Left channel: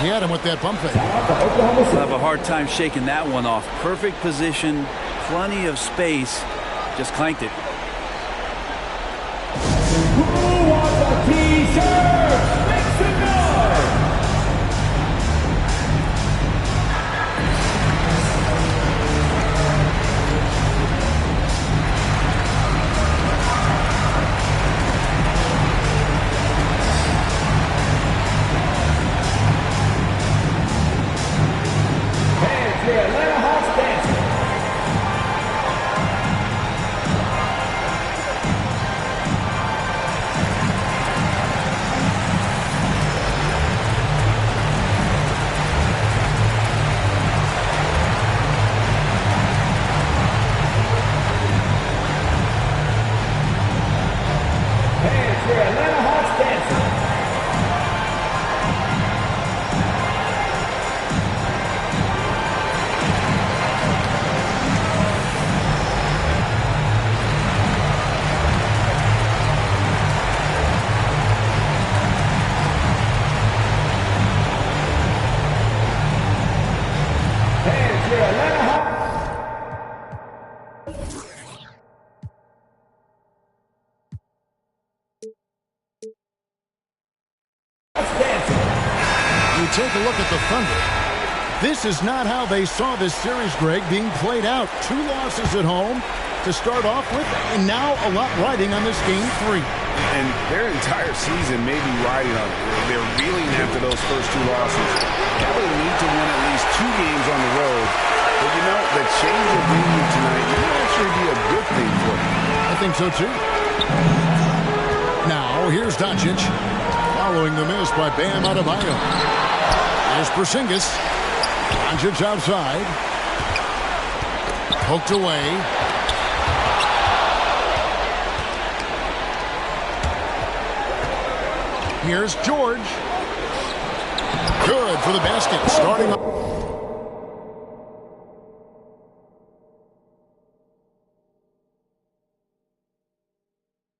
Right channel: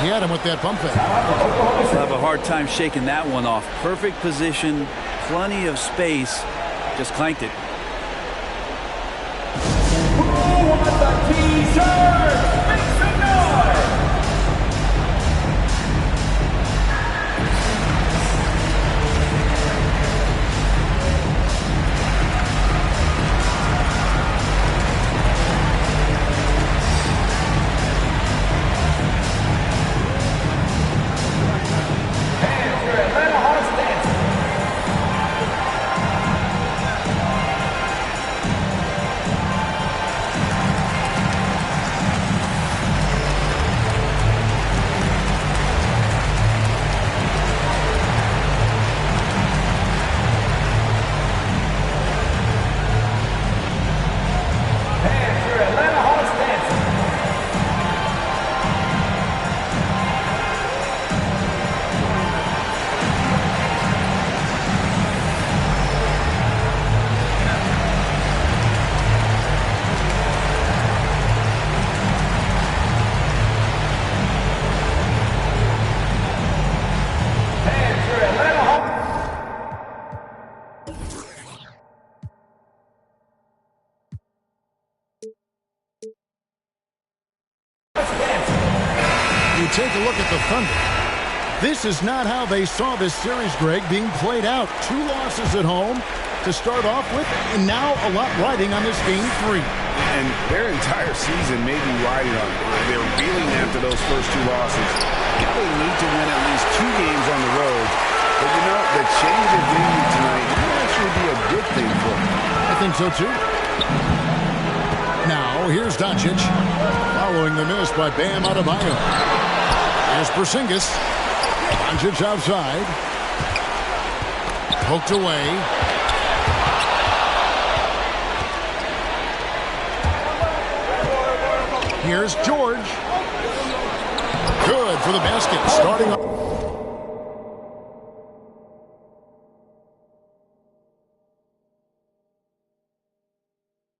He had him with that bump fake. He'll have a hard time shaking that one off. Perfect position, plenty of space, just clanked it. Who wants a t-shirt? Make some noise! Hands, your Atlanta Hawks dancing. Hands, your Atlanta Hawks dancing. Hands, your Atlanta Hawks. You take a look at the Thunder. This is not how they saw this series, Greg, being played out. 2 losses at home to start off with, and now a lot riding on this game 3. And their entire season may be riding on it. They're reeling after those first 2 losses. Now they need to win at least 2 games on the road. But you know, the change of venue tonight might actually be a good thing for them. I think so, too. Now, here's Doncic, following the miss by Bam Adebayo. Here's Porzingis. Doncic outside. Poked away. Here's George. Good for the basket. Starting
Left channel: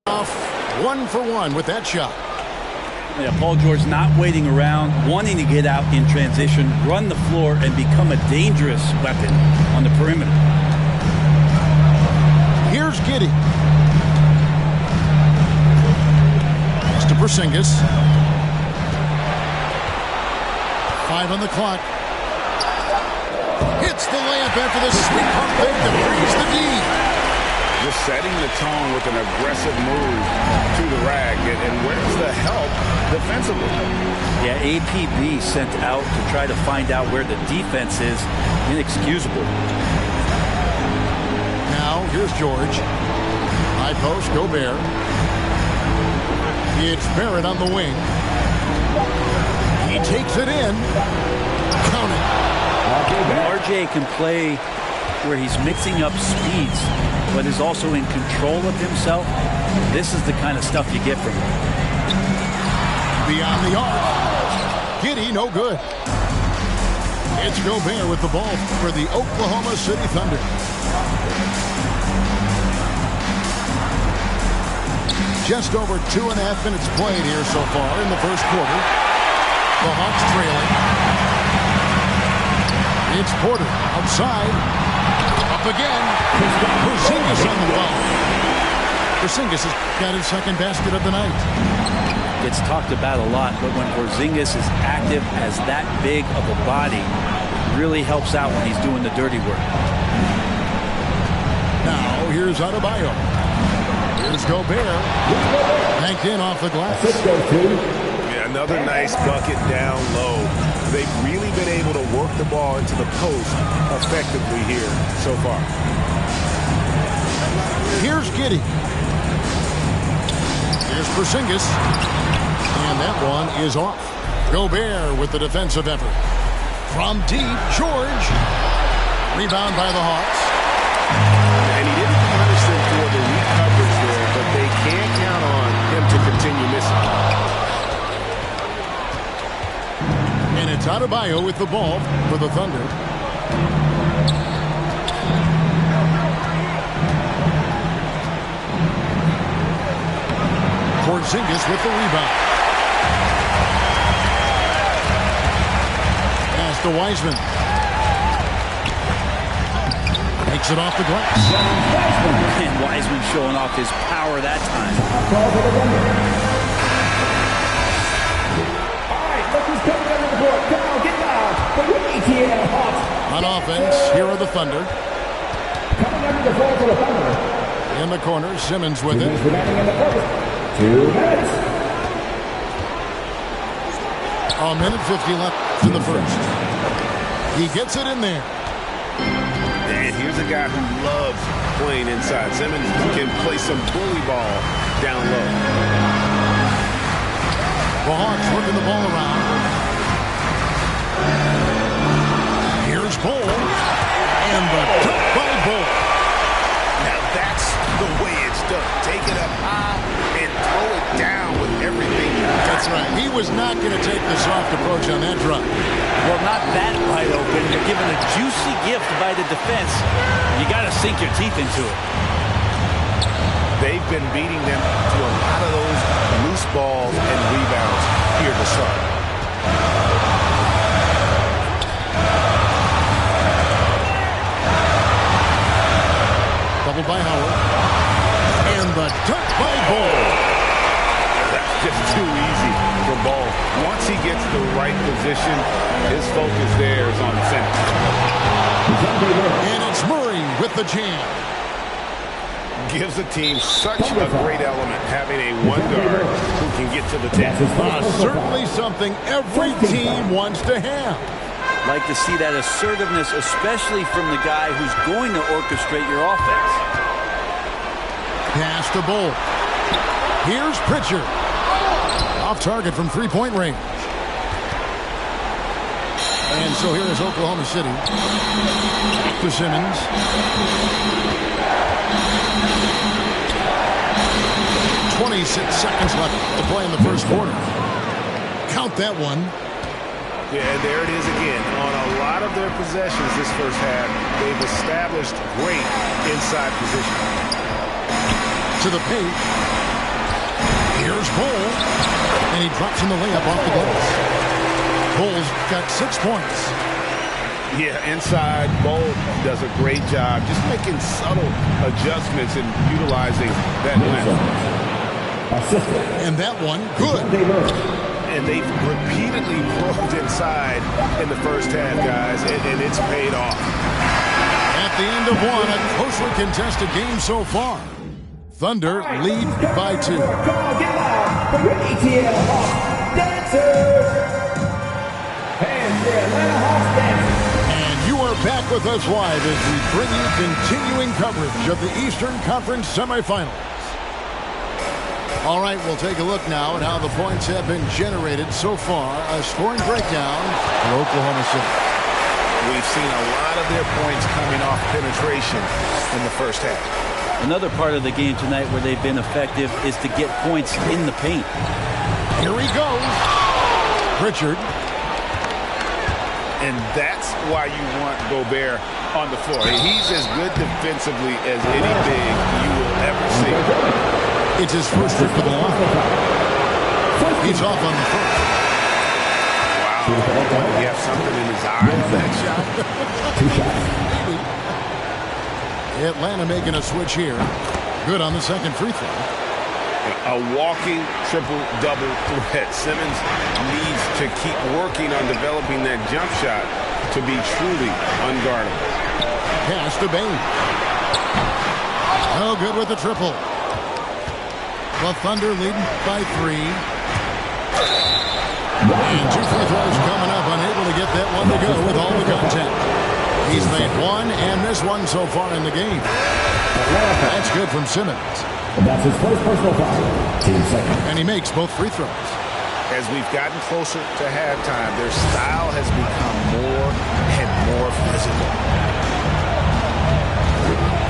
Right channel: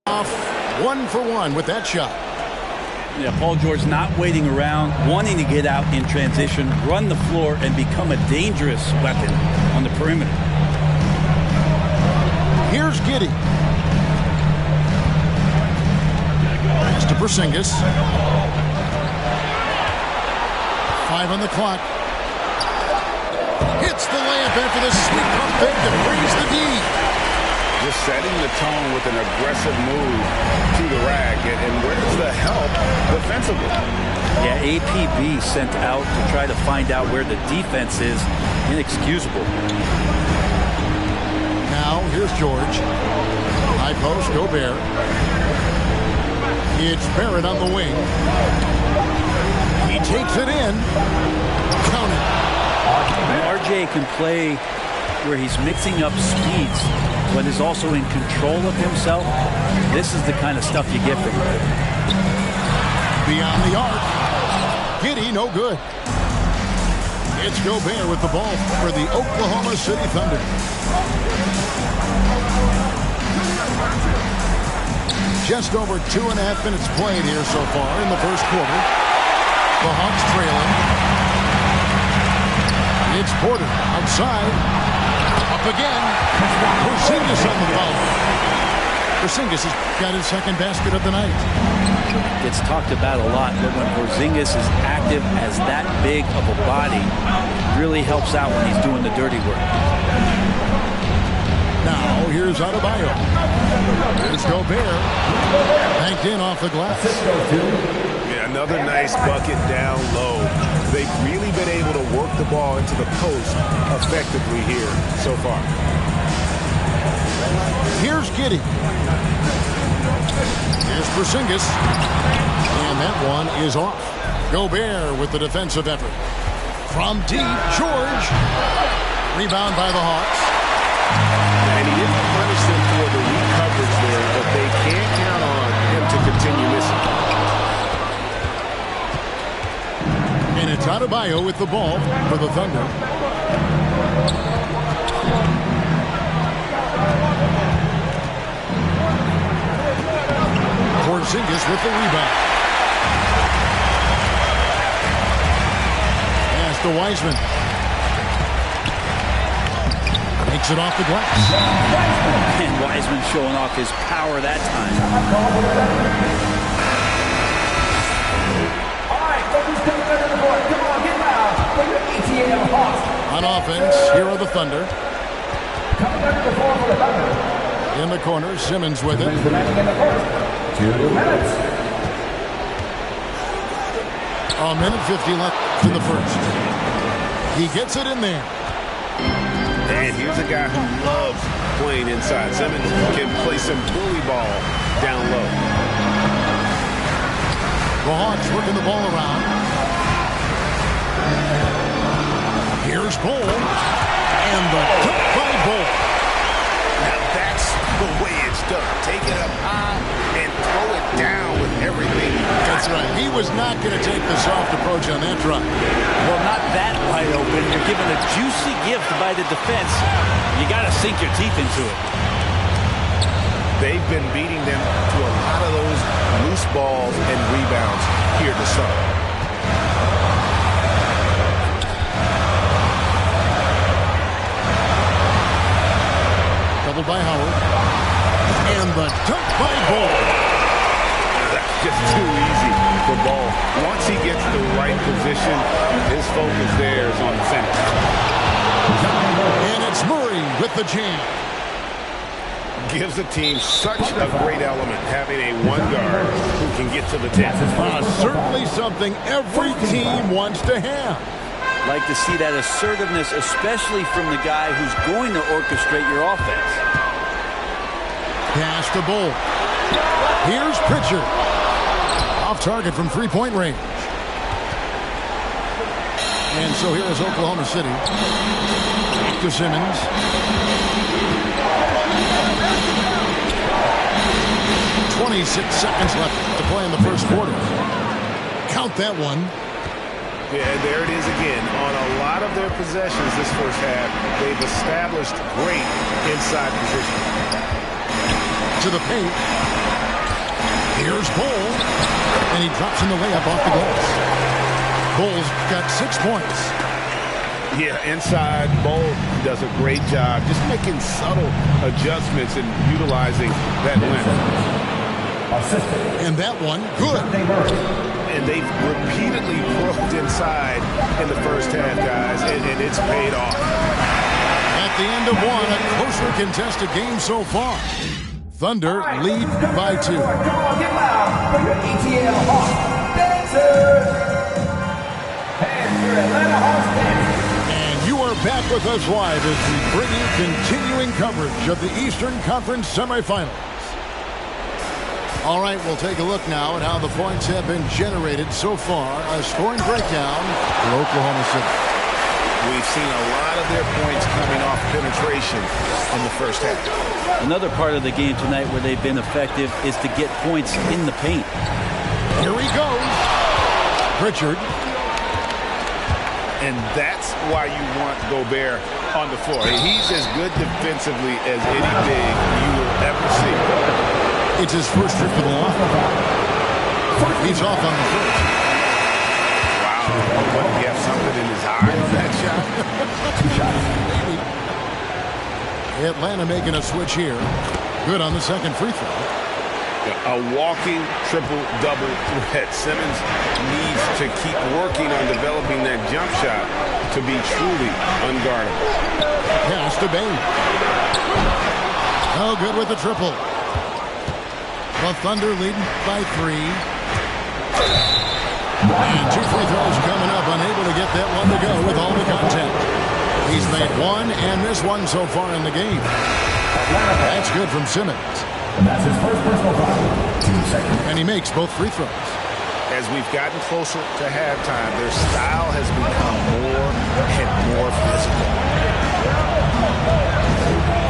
off 1 for 1 with that shot. Yeah, Paul George not waiting around, wanting to get out in transition, run the floor, and become a dangerous weapon on the perimeter. Here's Giddey. It's to Porzingis. 5 on the clock. Hits the layup after the sweet pump fake to freeze the D. Just setting the tone with an aggressive move to the rag. And where's the help defensively? Yeah, APB sent out to try to find out where the defense is. Inexcusable. Now, here's George. High post, Gobert. It's Barrett on the wing. He takes it in. Count it. When RJ can play where he's mixing up speeds, but is also in control of himself, this is the kind of stuff you get from him. Beyond the arc. Giddey, no good. It's Gobert with the ball for the Oklahoma City Thunder. Just over 2.5 minutes played here so far in the first quarter. The Hawks trailing. It's Porter outside. Up again. Porzingis on the foul. Porzingis has got his second basket of the night. Gets talked about a lot, but when Porzingis is active as that big of a body, really helps out when he's doing the dirty work. Now, here's Adebayo. Here's Gobert. Banked in off the glass. Yeah, another nice bucket down low. They've really been able to work the ball into the post effectively here so far. Here's Giddey. Here's Porzingis. And that one is off. Gobert with the defensive effort. From deep, George. Rebound by the Hawks. And he didn't punish them for the weak coverage there, but they can't count on him to continue missing. And it's Adebayo with the ball for the Thunder. Porzingis with the rebound. Pass to Wiseman. Takes it off the glass. And Wiseman showing off his power that time. All right, look who's coming under the board. Come on, get loud for your ATL Hawks. On offense, here are the Thunder. Coming under the board for the Thunder. In the corner, Simmons with it. Remaining in the first 2 minutes. A minute 50 left in the first. He gets it in there. And here's a guy who loves playing inside. Simmons can play some bully ball down low. The Hawks working the ball around. Here's Bol. And the dunk by Bol. Now that's the way it's done. Take it up high and throw it down with everything you got. That's right. He was not going to take the soft approach on that drive. Well, not that wide open. You're given a juicy gift by the defense. You got to sink your teeth into it. They've been beating them to a lot of those loose balls and rebounds here to start. Doubled by Howard. And the dunk by Bol. That's just too easy for Bol. Once he gets the right position, his focus there is on the finish. And it's Murray with the jam. Gives the team such a great element having a one guard who can get to the 10. Certainly something every team wants to have. Like to see that assertiveness, especially from the guy who's going to orchestrate your offense. Pass to Bol. Here's Pritchard. Off target from three-point range. And so here is Oklahoma City. Back to Simmons. .26 seconds left to play in the first quarter. Count that one. Yeah, there it is again. On a lot of their possessions this first half, they've established great inside position. To the paint. Here's Bol. And he drops in the layup off the glass. Bol's got 6 points. Yeah, inside, Bol does a great job just making subtle adjustments and utilizing that length. And that one, good. And they've repeatedly probed inside in the first half, guys, and it's paid off. At the end of one, a closely contested game so far. Thunder lead by 2. Come on, get loud for your ATL Hawks dancers. And your Atlanta Hawks dancers. And you are back with us live as we bring you continuing coverage of the Eastern Conference semifinals. All right, we'll take a look now at how the points have been generated so far. A scoring breakdown for Oklahoma City. We've seen a lot of their points coming off penetration in the first half. Another part of the game tonight where they've been effective is to get points in the paint. Here he goes. Pritchard. And that's why you want Gobert on the floor. He's as good defensively as any big you will ever see. It's his first trip to the line. He's off on the first. Wow. What, did he have something in his eye on that shot? Maybe. Atlanta making a switch here. Good on the second free throw. A walking triple-double threat. Simmons needs to keep working on developing that jump shot to be truly unguardable. Pass to Bain. No good with the triple. The Thunder leading by 3. And 2 free throws coming up. Unable to get that one to go with all the content. He's made 1 and missed 1 so far in the game. That's good from Simmons. That's his first personal foul. Team second. And he makes both free throws. As we've gotten closer to halftime, their style has become more and more physical.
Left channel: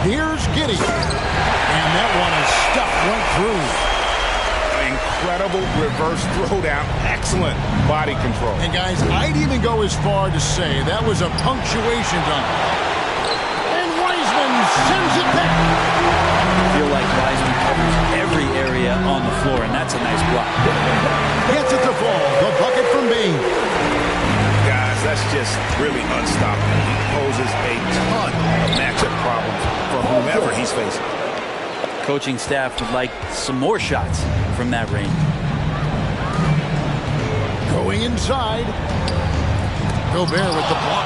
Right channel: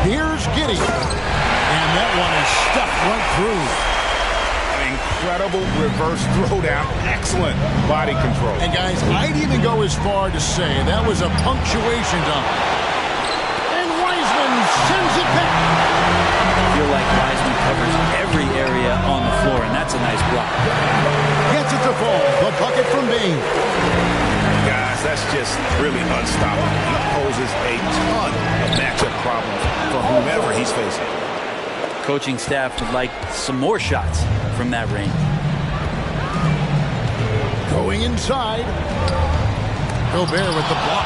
Here's Giddey. And that one is stuffed right through. Incredible reverse throwdown. Excellent body control. And guys, I'd even go as far to say that was a punctuation dunk. And Wiseman sends it back. I feel like Wiseman covers every area on the floor, and that's a nice block. Gets it to fall. The bucket from Bain. Guys, that's just really unstoppable. He poses a ton of matchup problems for whomever he's facing. Coaching staff would like some more shots from that range. Going inside. Gobert with the block.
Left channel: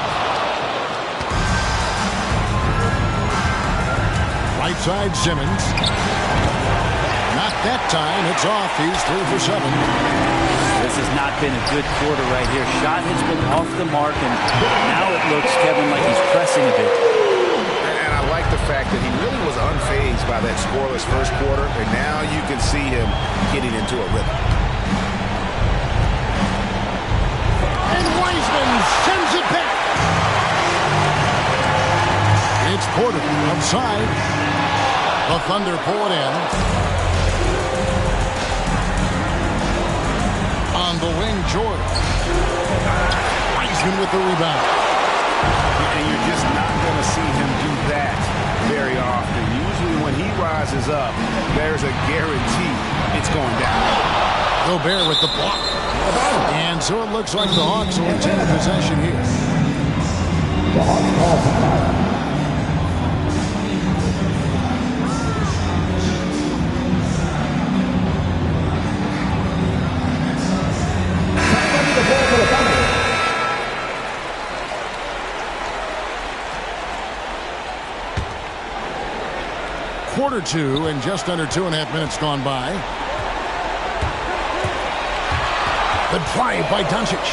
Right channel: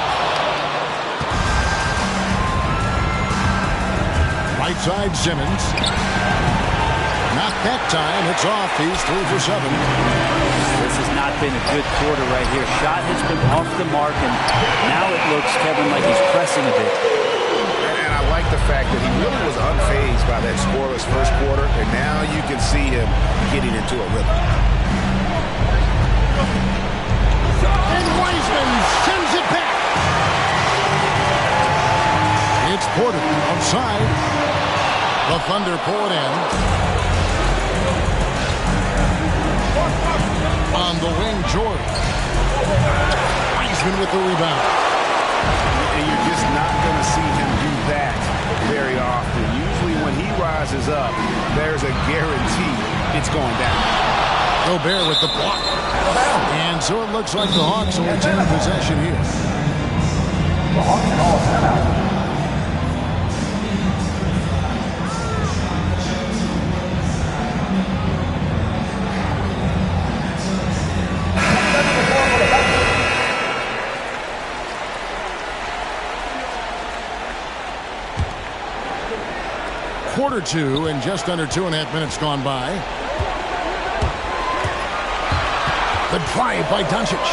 Right side, Simmons. Not that time. It's off. He's 3 for 7. This has not been a good quarter right here. Shot has been off the mark, and now it looks, Kevin, like he's pressing a bit. And I like the fact that he really was unfazed by that scoreless first quarter, and now you can see him getting into a rhythm. And Wiseman sends it back. It's Porter outside. The Thunder pull it in. On the wing, George. Wiseman with the rebound. And you're just not going to see him do that very often. Usually when he rises up, there's a guarantee it's going down. Gobert with the block. And so it looks like the Hawks will retain possession here. The Hawks call timeout. Quarter 2 and just under 2.5 minutes gone by. The drive by Doncic.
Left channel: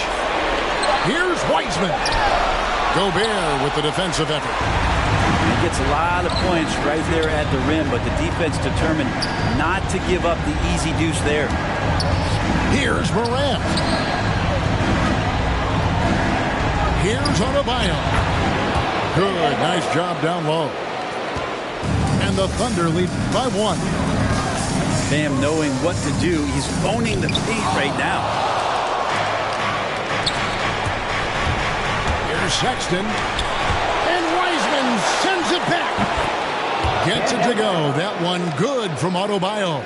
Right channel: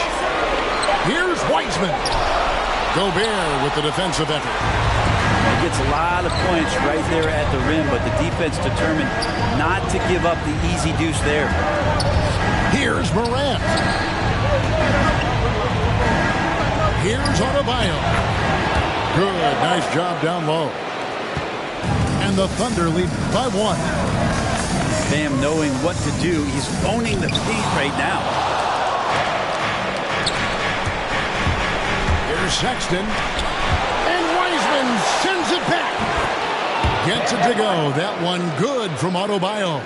Here's Wiseman. Gobert with the defensive effort. He gets a lot of points right there at the rim, but the defense determined not to give up the easy deuce there. Here's Morant. Here's Adebayo. Good, nice job down low. And the Thunder lead by 1. Bam knowing what to do. He's owning the paint right now. Here's Sexton. And Wiseman sends it back. Gets it to go. That one good from Adebayo.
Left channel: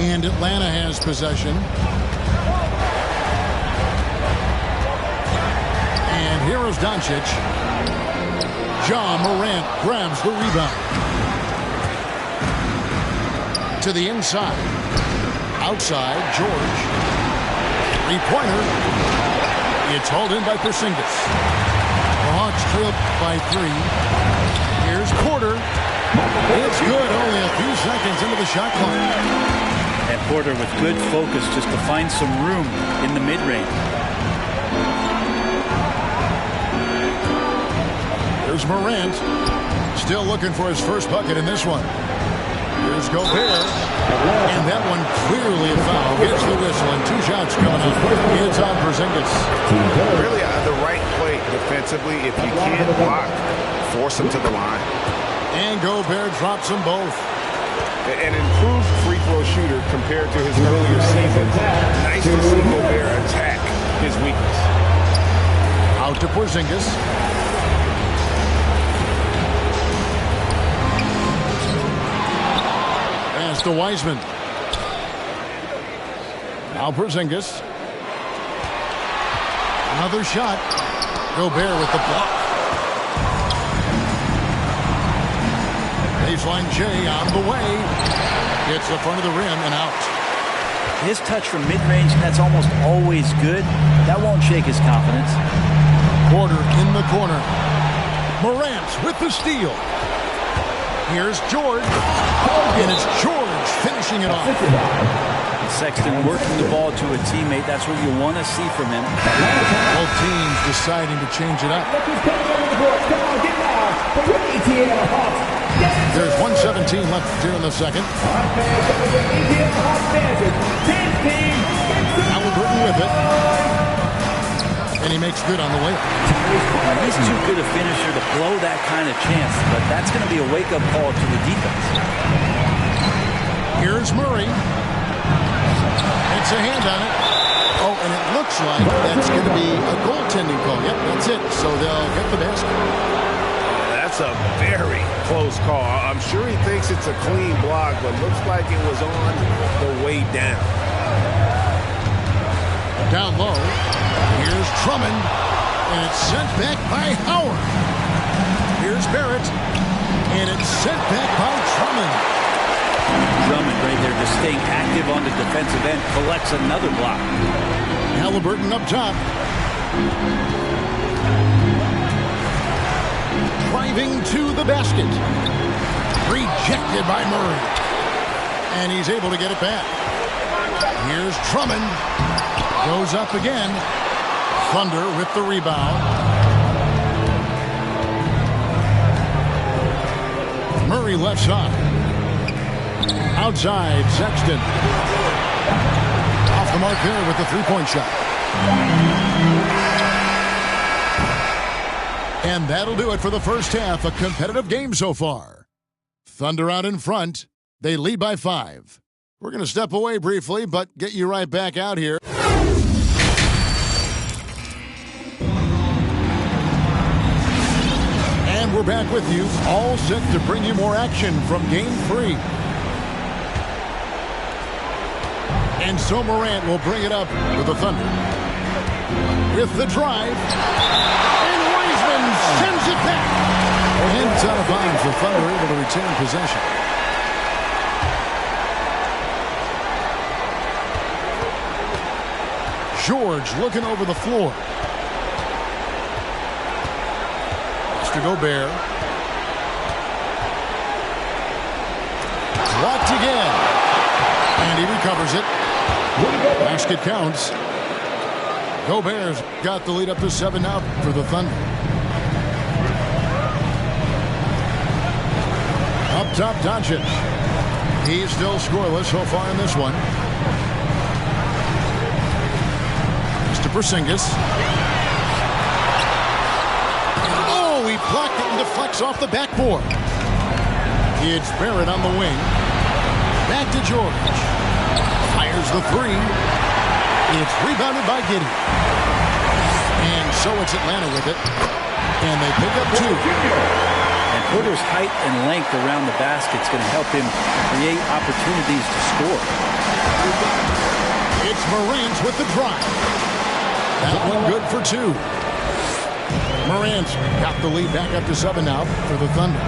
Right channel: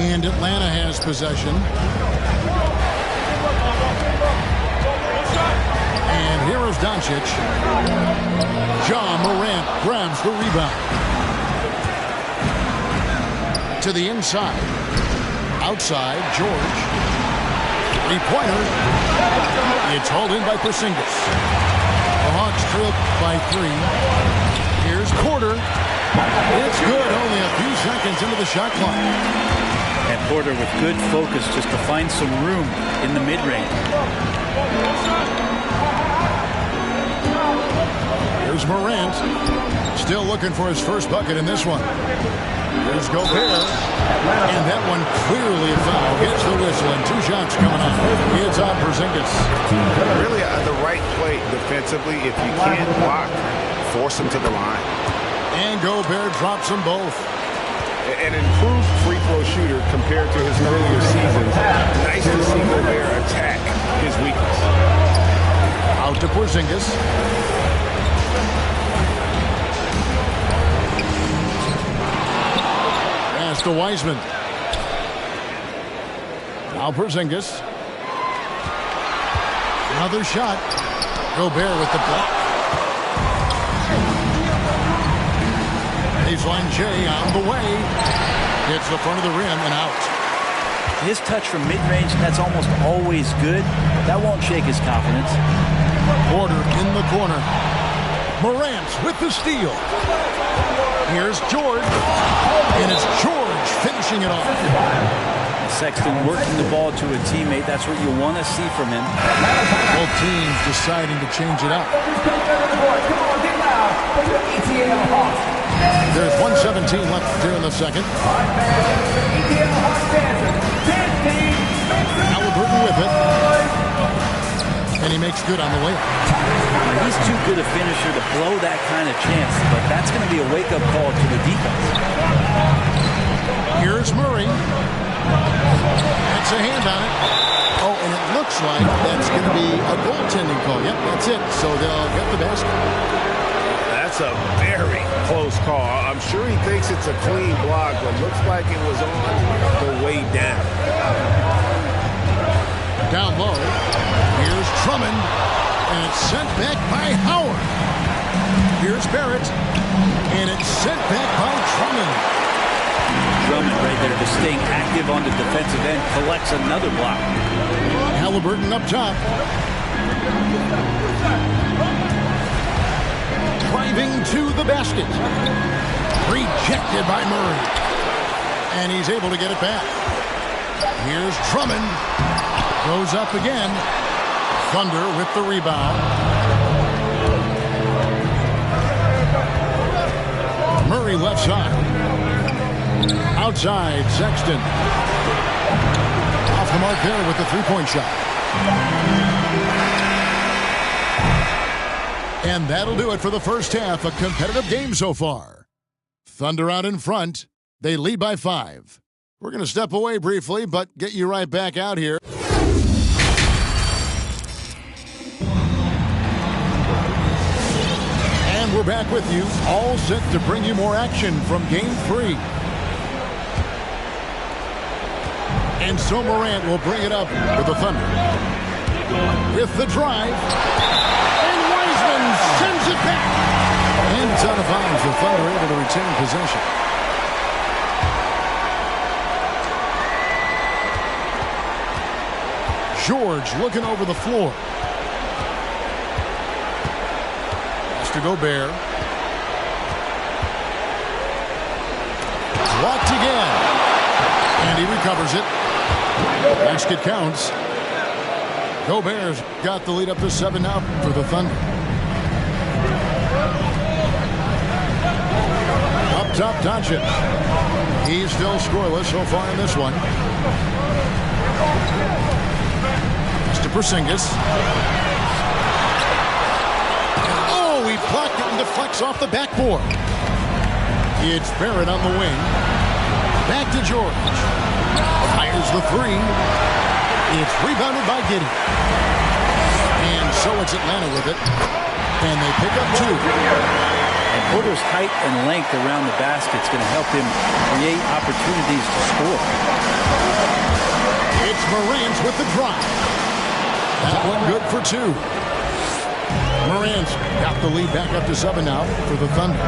And Atlanta has possession. And here is Doncic. Ja Morant grabs the rebound. To the inside. Outside, George. Three-pointer. It's hauled in by Porzingis. The Hawks trail by 3. Here's Porter. It's good. Only a few seconds into the shot clock. And Porter with good focus just to find some room in the mid-range. Here's Morant. Still looking for his first bucket in this one. Here's Gobert. And that one clearly a foul. Gets the whistle and 2 shots coming up. It's on Porzingis. Really the right play defensively. If you can't block, force him to the line. And Gobert drops them both. An improved free throw shooter compared to his earlier seasons. Nice to see Gobert attack his weakness. Out to Porzingis. Pass to Wiseman. Now Porzingis. Another shot. Gobert with the block. Baseline J on the way. Hits the front of the rim and out. His touch from mid-range, that's almost always good. That won't shake his confidence. Porter in the corner. Morant with the steal. Here's George. And it's George finishing it off. Sexton working the ball to a teammate. That's what you want to see from him. Both teams deciding to change it up. There's 1:17 left here in the second. Halliburton with it. And he makes good on the way. Now, he's too good a finisher to blow that kind of chance, but that's going to be a wake-up call to the defense. Here's Murray. It's a hand on it. Oh, and it looks like that's going to be a goaltending call. Yep, that's it. So they'll get the basket. That's a very close call. I'm sure he thinks it's a clean block, but looks like it was on the way down. Down low. Here's Drummond, and it's sent back by Howard. Here's Barrett, and it's sent back by Drummond. Drummond right there just staying active on the defensive end, collects another block. Halliburton up top. Driving to the basket. Rejected by Murray. And he's able to get it back. Here's Drummond. Goes up again. Thunder with the rebound. Murray left side. Outside, Sexton. Off the mark there with the three-point shot. And that'll do it for the first half. A competitive game so far. Thunder out in front. They lead by 5. We're going to step away briefly, but get you right back out here. And we're back with you, all set to bring you more action from Game 3. And so Morant will bring it up for the Thunder. With the drive. And Wiseman sends it back. And it's out of bounds. The Thunder able to retain possession. George looking over the floor. Pass to Gobert. Blocked again. And he recovers it. Basket counts. Gobert's got the lead up to 7 now for the Thunder. Up top, Doncic. He's still scoreless so far in this one. To Porzingis. Oh, he blocked it and deflects off the backboard. It's Barrett on the wing. Back to George. Fires the three. It's rebounded by Giddey. And so it's Atlanta with it. And they pick up 2. And Porter's height and length around the basket is going to help him create opportunities to score. It's Morant with the drive. That one good for 2. Morant's got the lead back up to 7 now for the Thunder.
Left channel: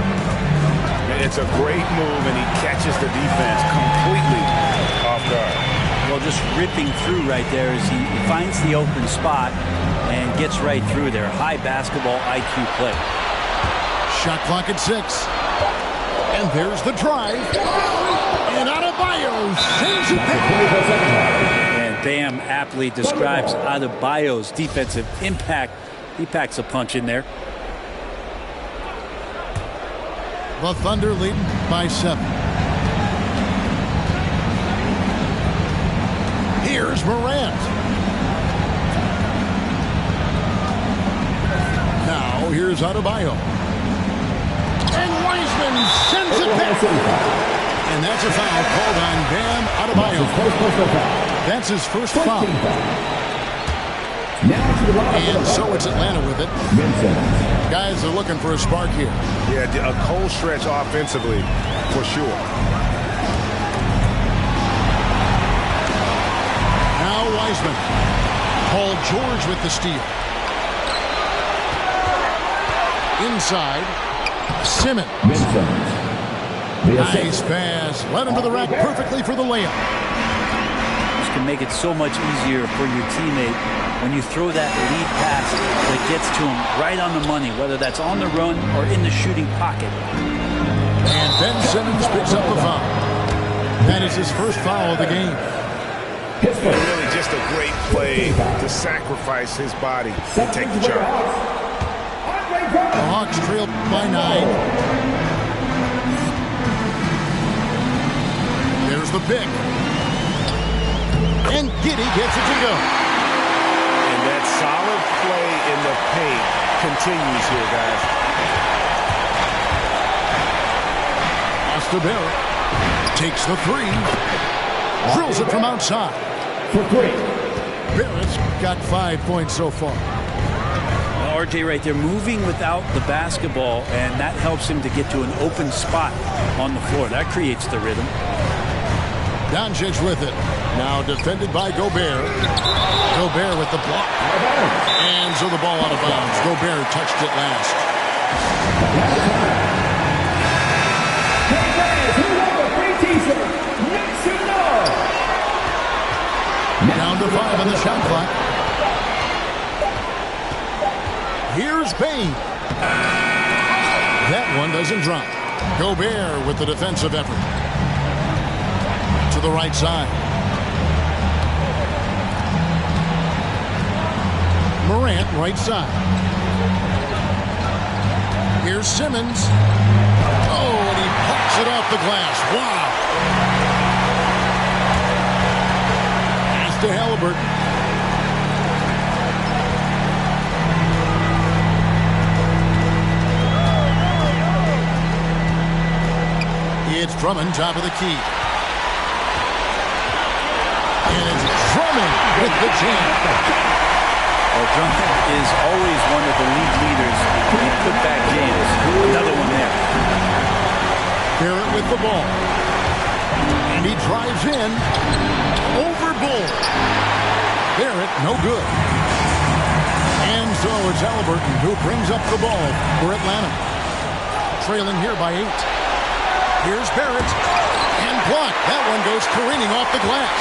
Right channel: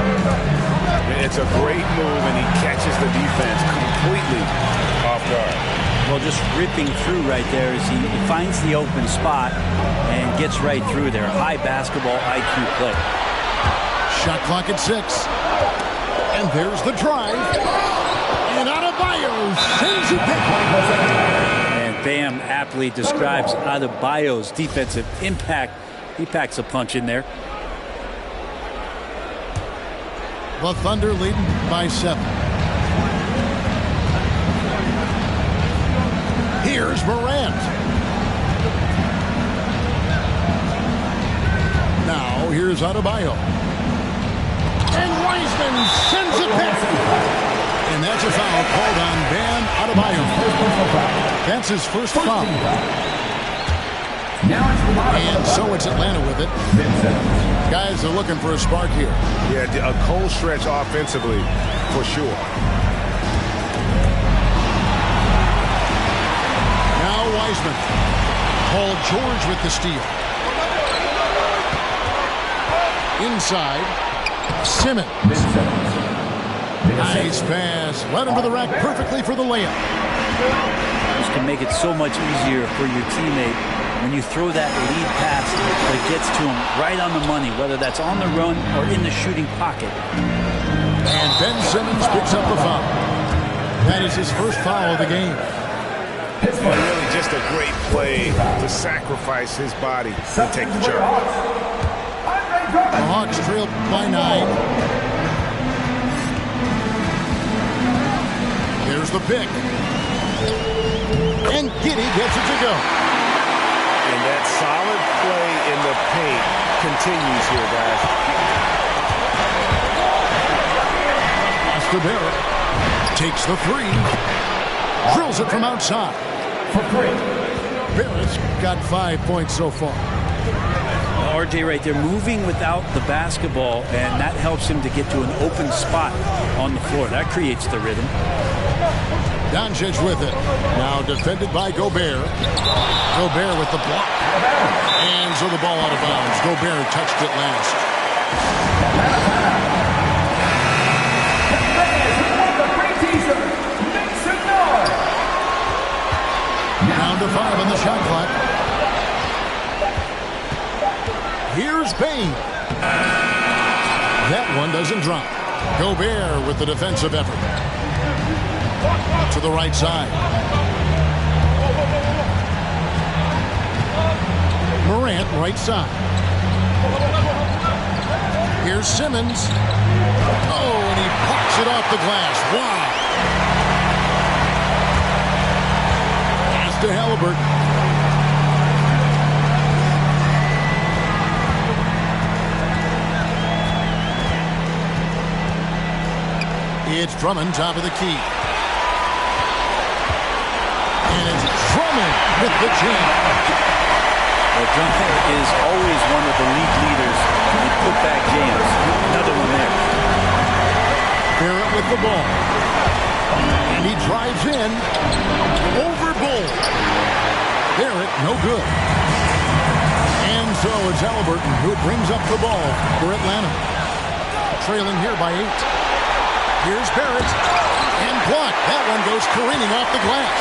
It's a great move, and he catches the defense completely off guard. Well, just ripping through right there as he finds the open spot and gets right through there. High basketball IQ play. Shot clock at 6. And there's the drive. And Adebayo sends it back. Bam aptly describes Adebayo's defensive impact. He packs a punch in there. The Thunder leading by 7. Here's Morant. Now here's Adebayo. And Wiseman sends it back. And that's a foul called on Bam Adebayo. That's his first foul. And so it's Atlanta with it. Guys are looking for a spark here. Yeah, a cold stretch offensively, for sure. Now Wiseman. Paul George with the steal. Inside. Simmons. Nice pass. Led him to the rack perfectly for the layup. This can make it so much easier for your teammate when you throw that lead pass that gets to him right on the money, whether that's on the run or in the shooting pocket. And Ben Simmons picks up the foul. That is his first foul of the game. And really just a great play to sacrifice his body and take the charge. The Hawks trail by 9. There's the pick. And Giddey gets it to go. And that solid play in the paint continues here, guys. Pass to Barrett. Takes the 3. Drills it from outside. For 3. Barrett's got 5 points so far. RJ right there moving without the basketball, and that helps him to get to an open spot on the floor. That creates the rhythm. Doncic with it. Now defended by Gobert. Gobert with the block. And so the ball out of bounds. Gobert touched it last. Down to 5 on the shot clock. Here's Payne. That one doesn't drop. Gobert with the defensive effort. To the right side. Morant, right side. Here's Simmons. Oh, and he pucks it off the glass. Wow. Pass to Halliburton. It's Drummond, top of the key. And it's Drummond with the jam. Well, Drummond is always one of the league leaders in putback jams. Another one there. Barrett with the ball. And he drives in. Over Bull. Barrett, no good. And so it's Halliburton who brings up the ball for Atlanta. Trailing here by 8. Here's Barrett. And blocked. That one goes careening off the glass.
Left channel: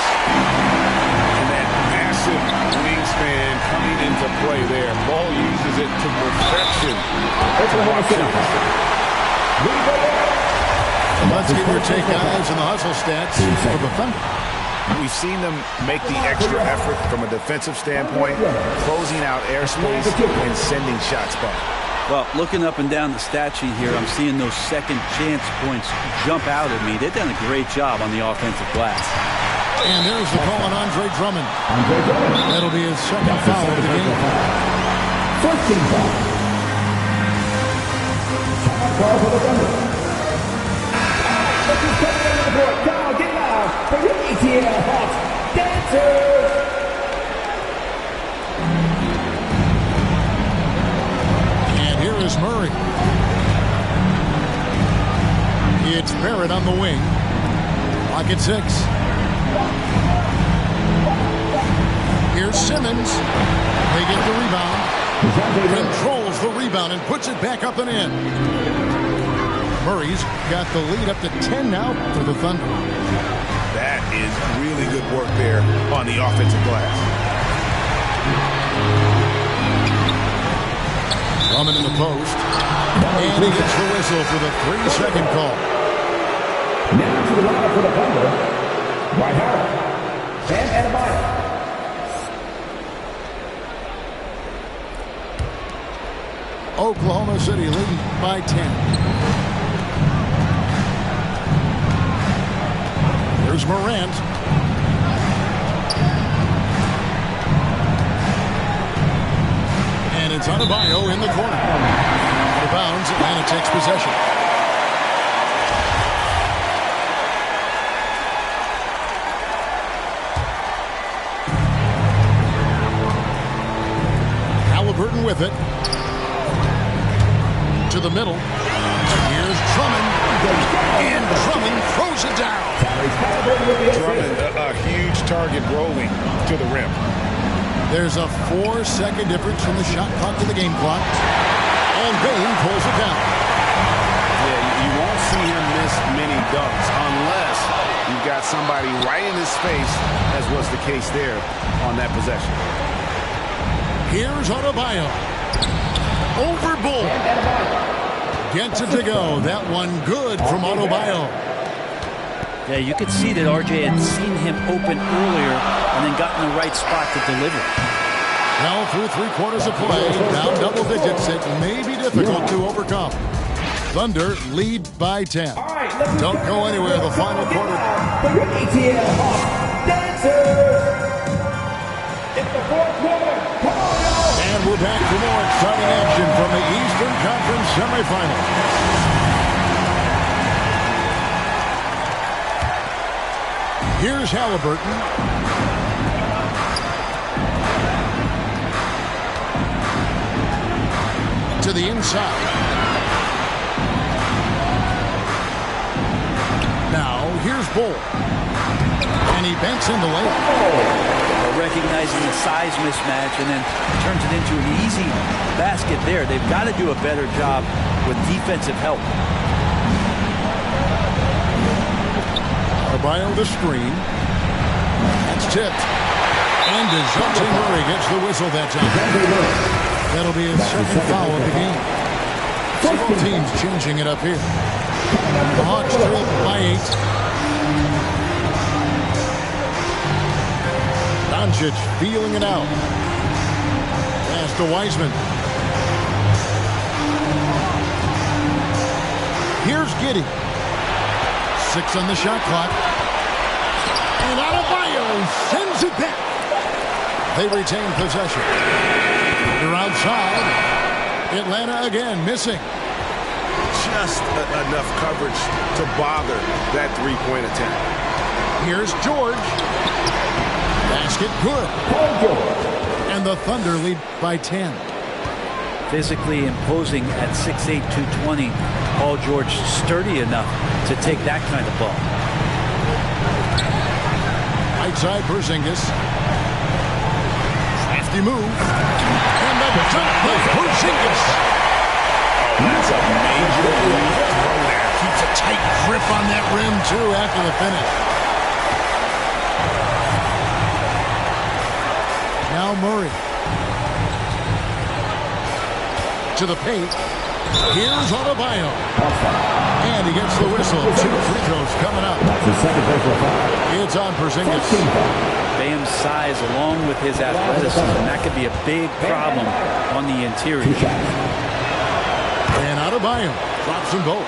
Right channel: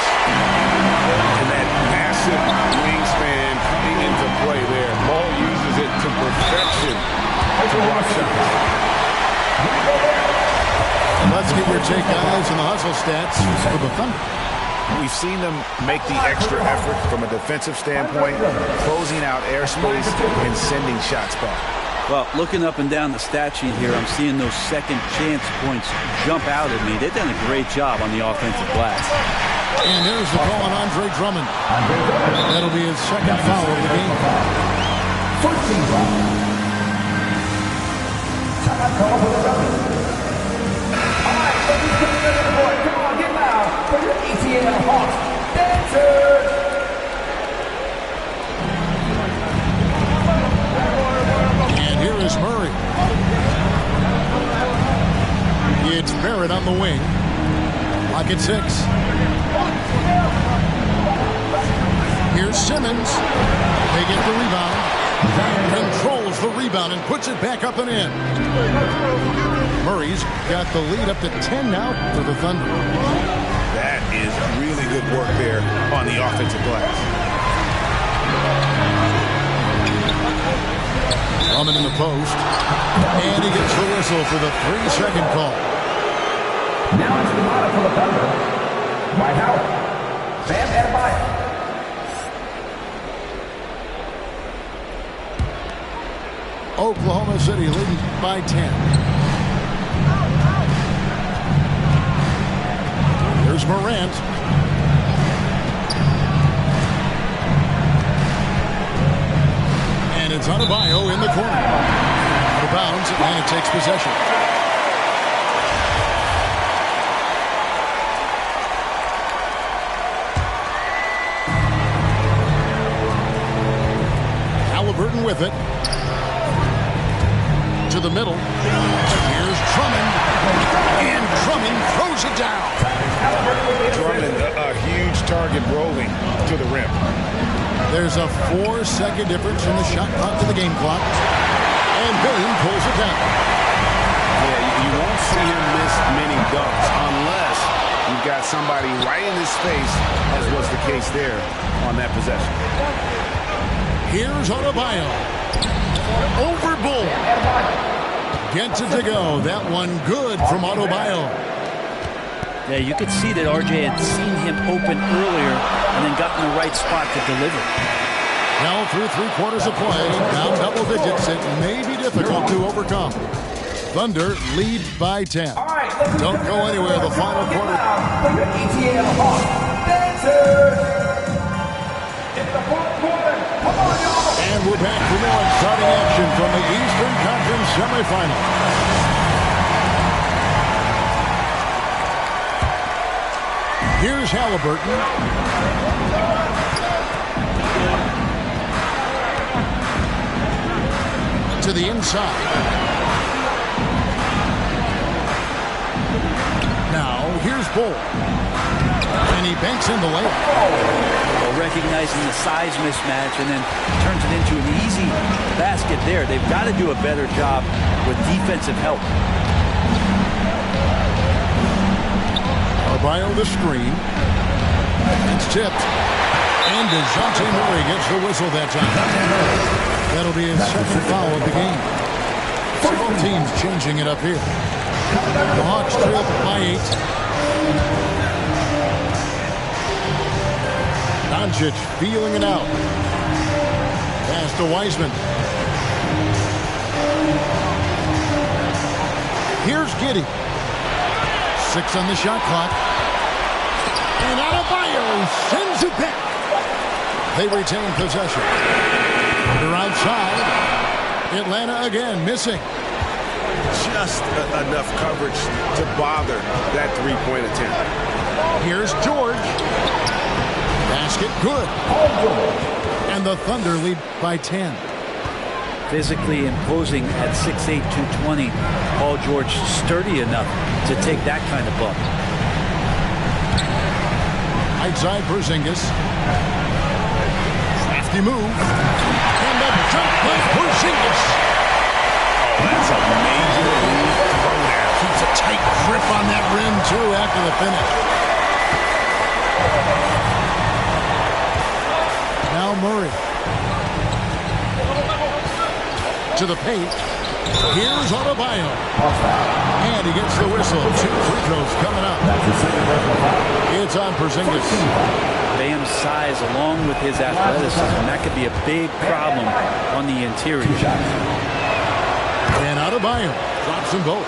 And that massive wingspan coming into play there. Ball uses it to perfection to block shots. And let's get your take, guys, on the hustle stats for the Thunder. We've seen them make the extra effort from a defensive standpoint, closing out airspace and sending shots back. Well, looking up and down the stat sheet here, I'm seeing those second chance points jump out at me. They've done a great job on the offensive glass. And there's the call on Andre Drummond. That'll be his second foul of the game. First team foul. Time call for the Thunder. All right, look who's coming into the board. Come on, get loud for your ATL Hawks dancers. And here is Murray. It's Barrett on the wing. Lock at 6. Here's Simmons. They get the rebound. Controls the rebound and puts it back up and in. Murray's got the lead up to 10 now for the Thunder. That is really good work there on the offensive glass. Drummond in the post. And he gets the whistle for the 3-second call. Now to the lineup for the Thunder. Dwight Howard. Bam Adebayo. Oklahoma City leading by 10. There's Morant. And it's Adebayo in the corner. Out of bounds, Atlanta takes possession. Halliburton with it. To the middle. Here's Drummond. And Drummond throws it down. Drummond, a huge target rolling to the rim. There's a 4-second difference from the shot clock to the game clock. And Payne pulls it down. Yeah, you won't see him miss many dunks unless you've got somebody right in his space, as was the case there on that possession. Here's Adebayo. Over Bull. Gets it to go. That one good from Adebayo. Yeah, you could see that RJ had seen him open earlier and then got in the right spot to deliver. Well, through 3 quarters of play, down double digits, it may be difficult to overcome. Thunder lead by 10. Don't go anywhere. The final quarter. For your ATL Hawks dancers. In the fourth quarter. Come on, y'all. And we're back for more exciting action from the Eastern Conference semifinal. Here's Halliburton. To the inside. Now, here's Bull. And he banks in the layup. Well, recognizing the size mismatch and then turns it into an easy basket there. They've got to do a better job with defensive help. Adebayo the screen. That's tipped. And DeJounte Murray gets the whistle that time. That'll be his second foul of the game. Several teams changing it up here. The Hawks trail by 8. Doncic feeling it out. Pass to Wiseman. Here's Giddey. 6 on the shot clock. And Adebayo sends it back. They retain possession. They're outside. Atlanta again missing. Just enough coverage to bother that three-point attempt. Here's George. Basket good. And the Thunder lead by 10. Physically imposing at 6'8", 220. Paul George sturdy enough to take that kind of bump. Right side Porzingis. Crafty move. And the jump by Porzingis. Oh, that's a major league throwdown. Keeps a tight grip on that rim, too, after the finish. Now Murray. To the paint. Here's Adebayo. And he gets the whistle. 2 free throws coming up. It's on Porzingis. Bam's size along with his athleticism, that could be a big problem on the interior. And Adebayo drops them both.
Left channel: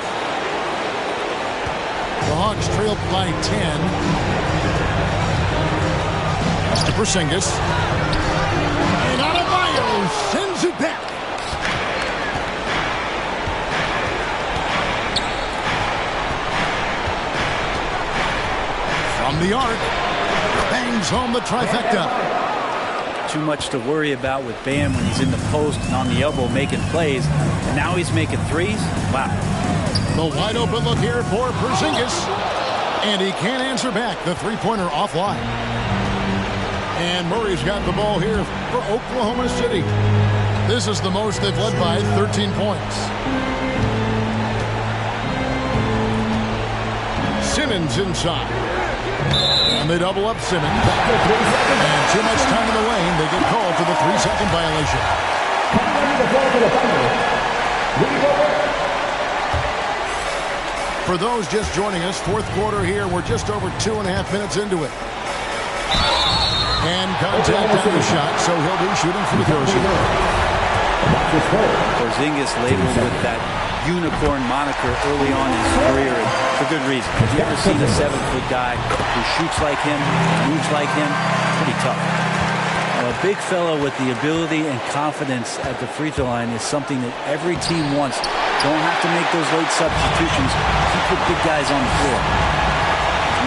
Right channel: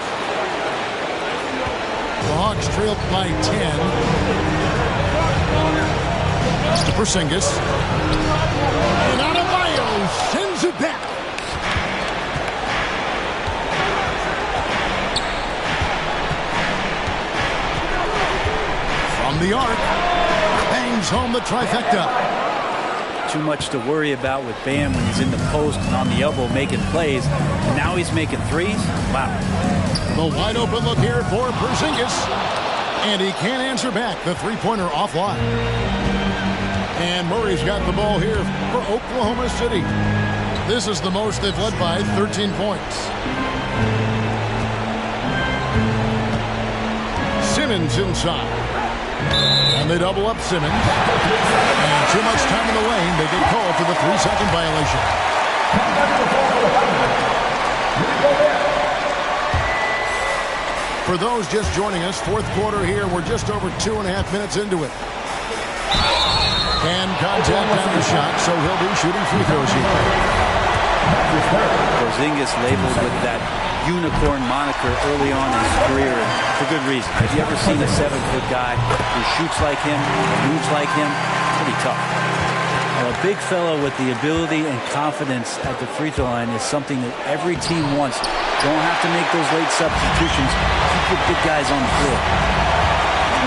The Hawks trail by 10. To Porzingis. And Adebayo sends it back. From the arc. Bangs home the trifecta. Too much to worry about with Bam when he's in the post and on the elbow making plays. And now he's making threes. Wow. The wide open look here for Porzingis. And he can't answer back. The three-pointer offline. And Murray's got the ball here for Oklahoma City. This is the most they've led by 13 points. Simmons inside. And they double up Simmons. And too much time in the lane. They get called for the 3-second violation. For those just joining us, fourth quarter here. We're just over 2.5 minutes into it. And contact on the shot, so he'll be shooting free throws here. Porzingis labeled with that unicorn moniker early on in his career, and for good reason. Have you ever seen a 7-foot guy who shoots like him, moves like him? Pretty tough. Now, a big fellow with the ability and confidence at the free throw line is something that every team wants. Don't have to make those late substitutions. Keep your big guys on the floor.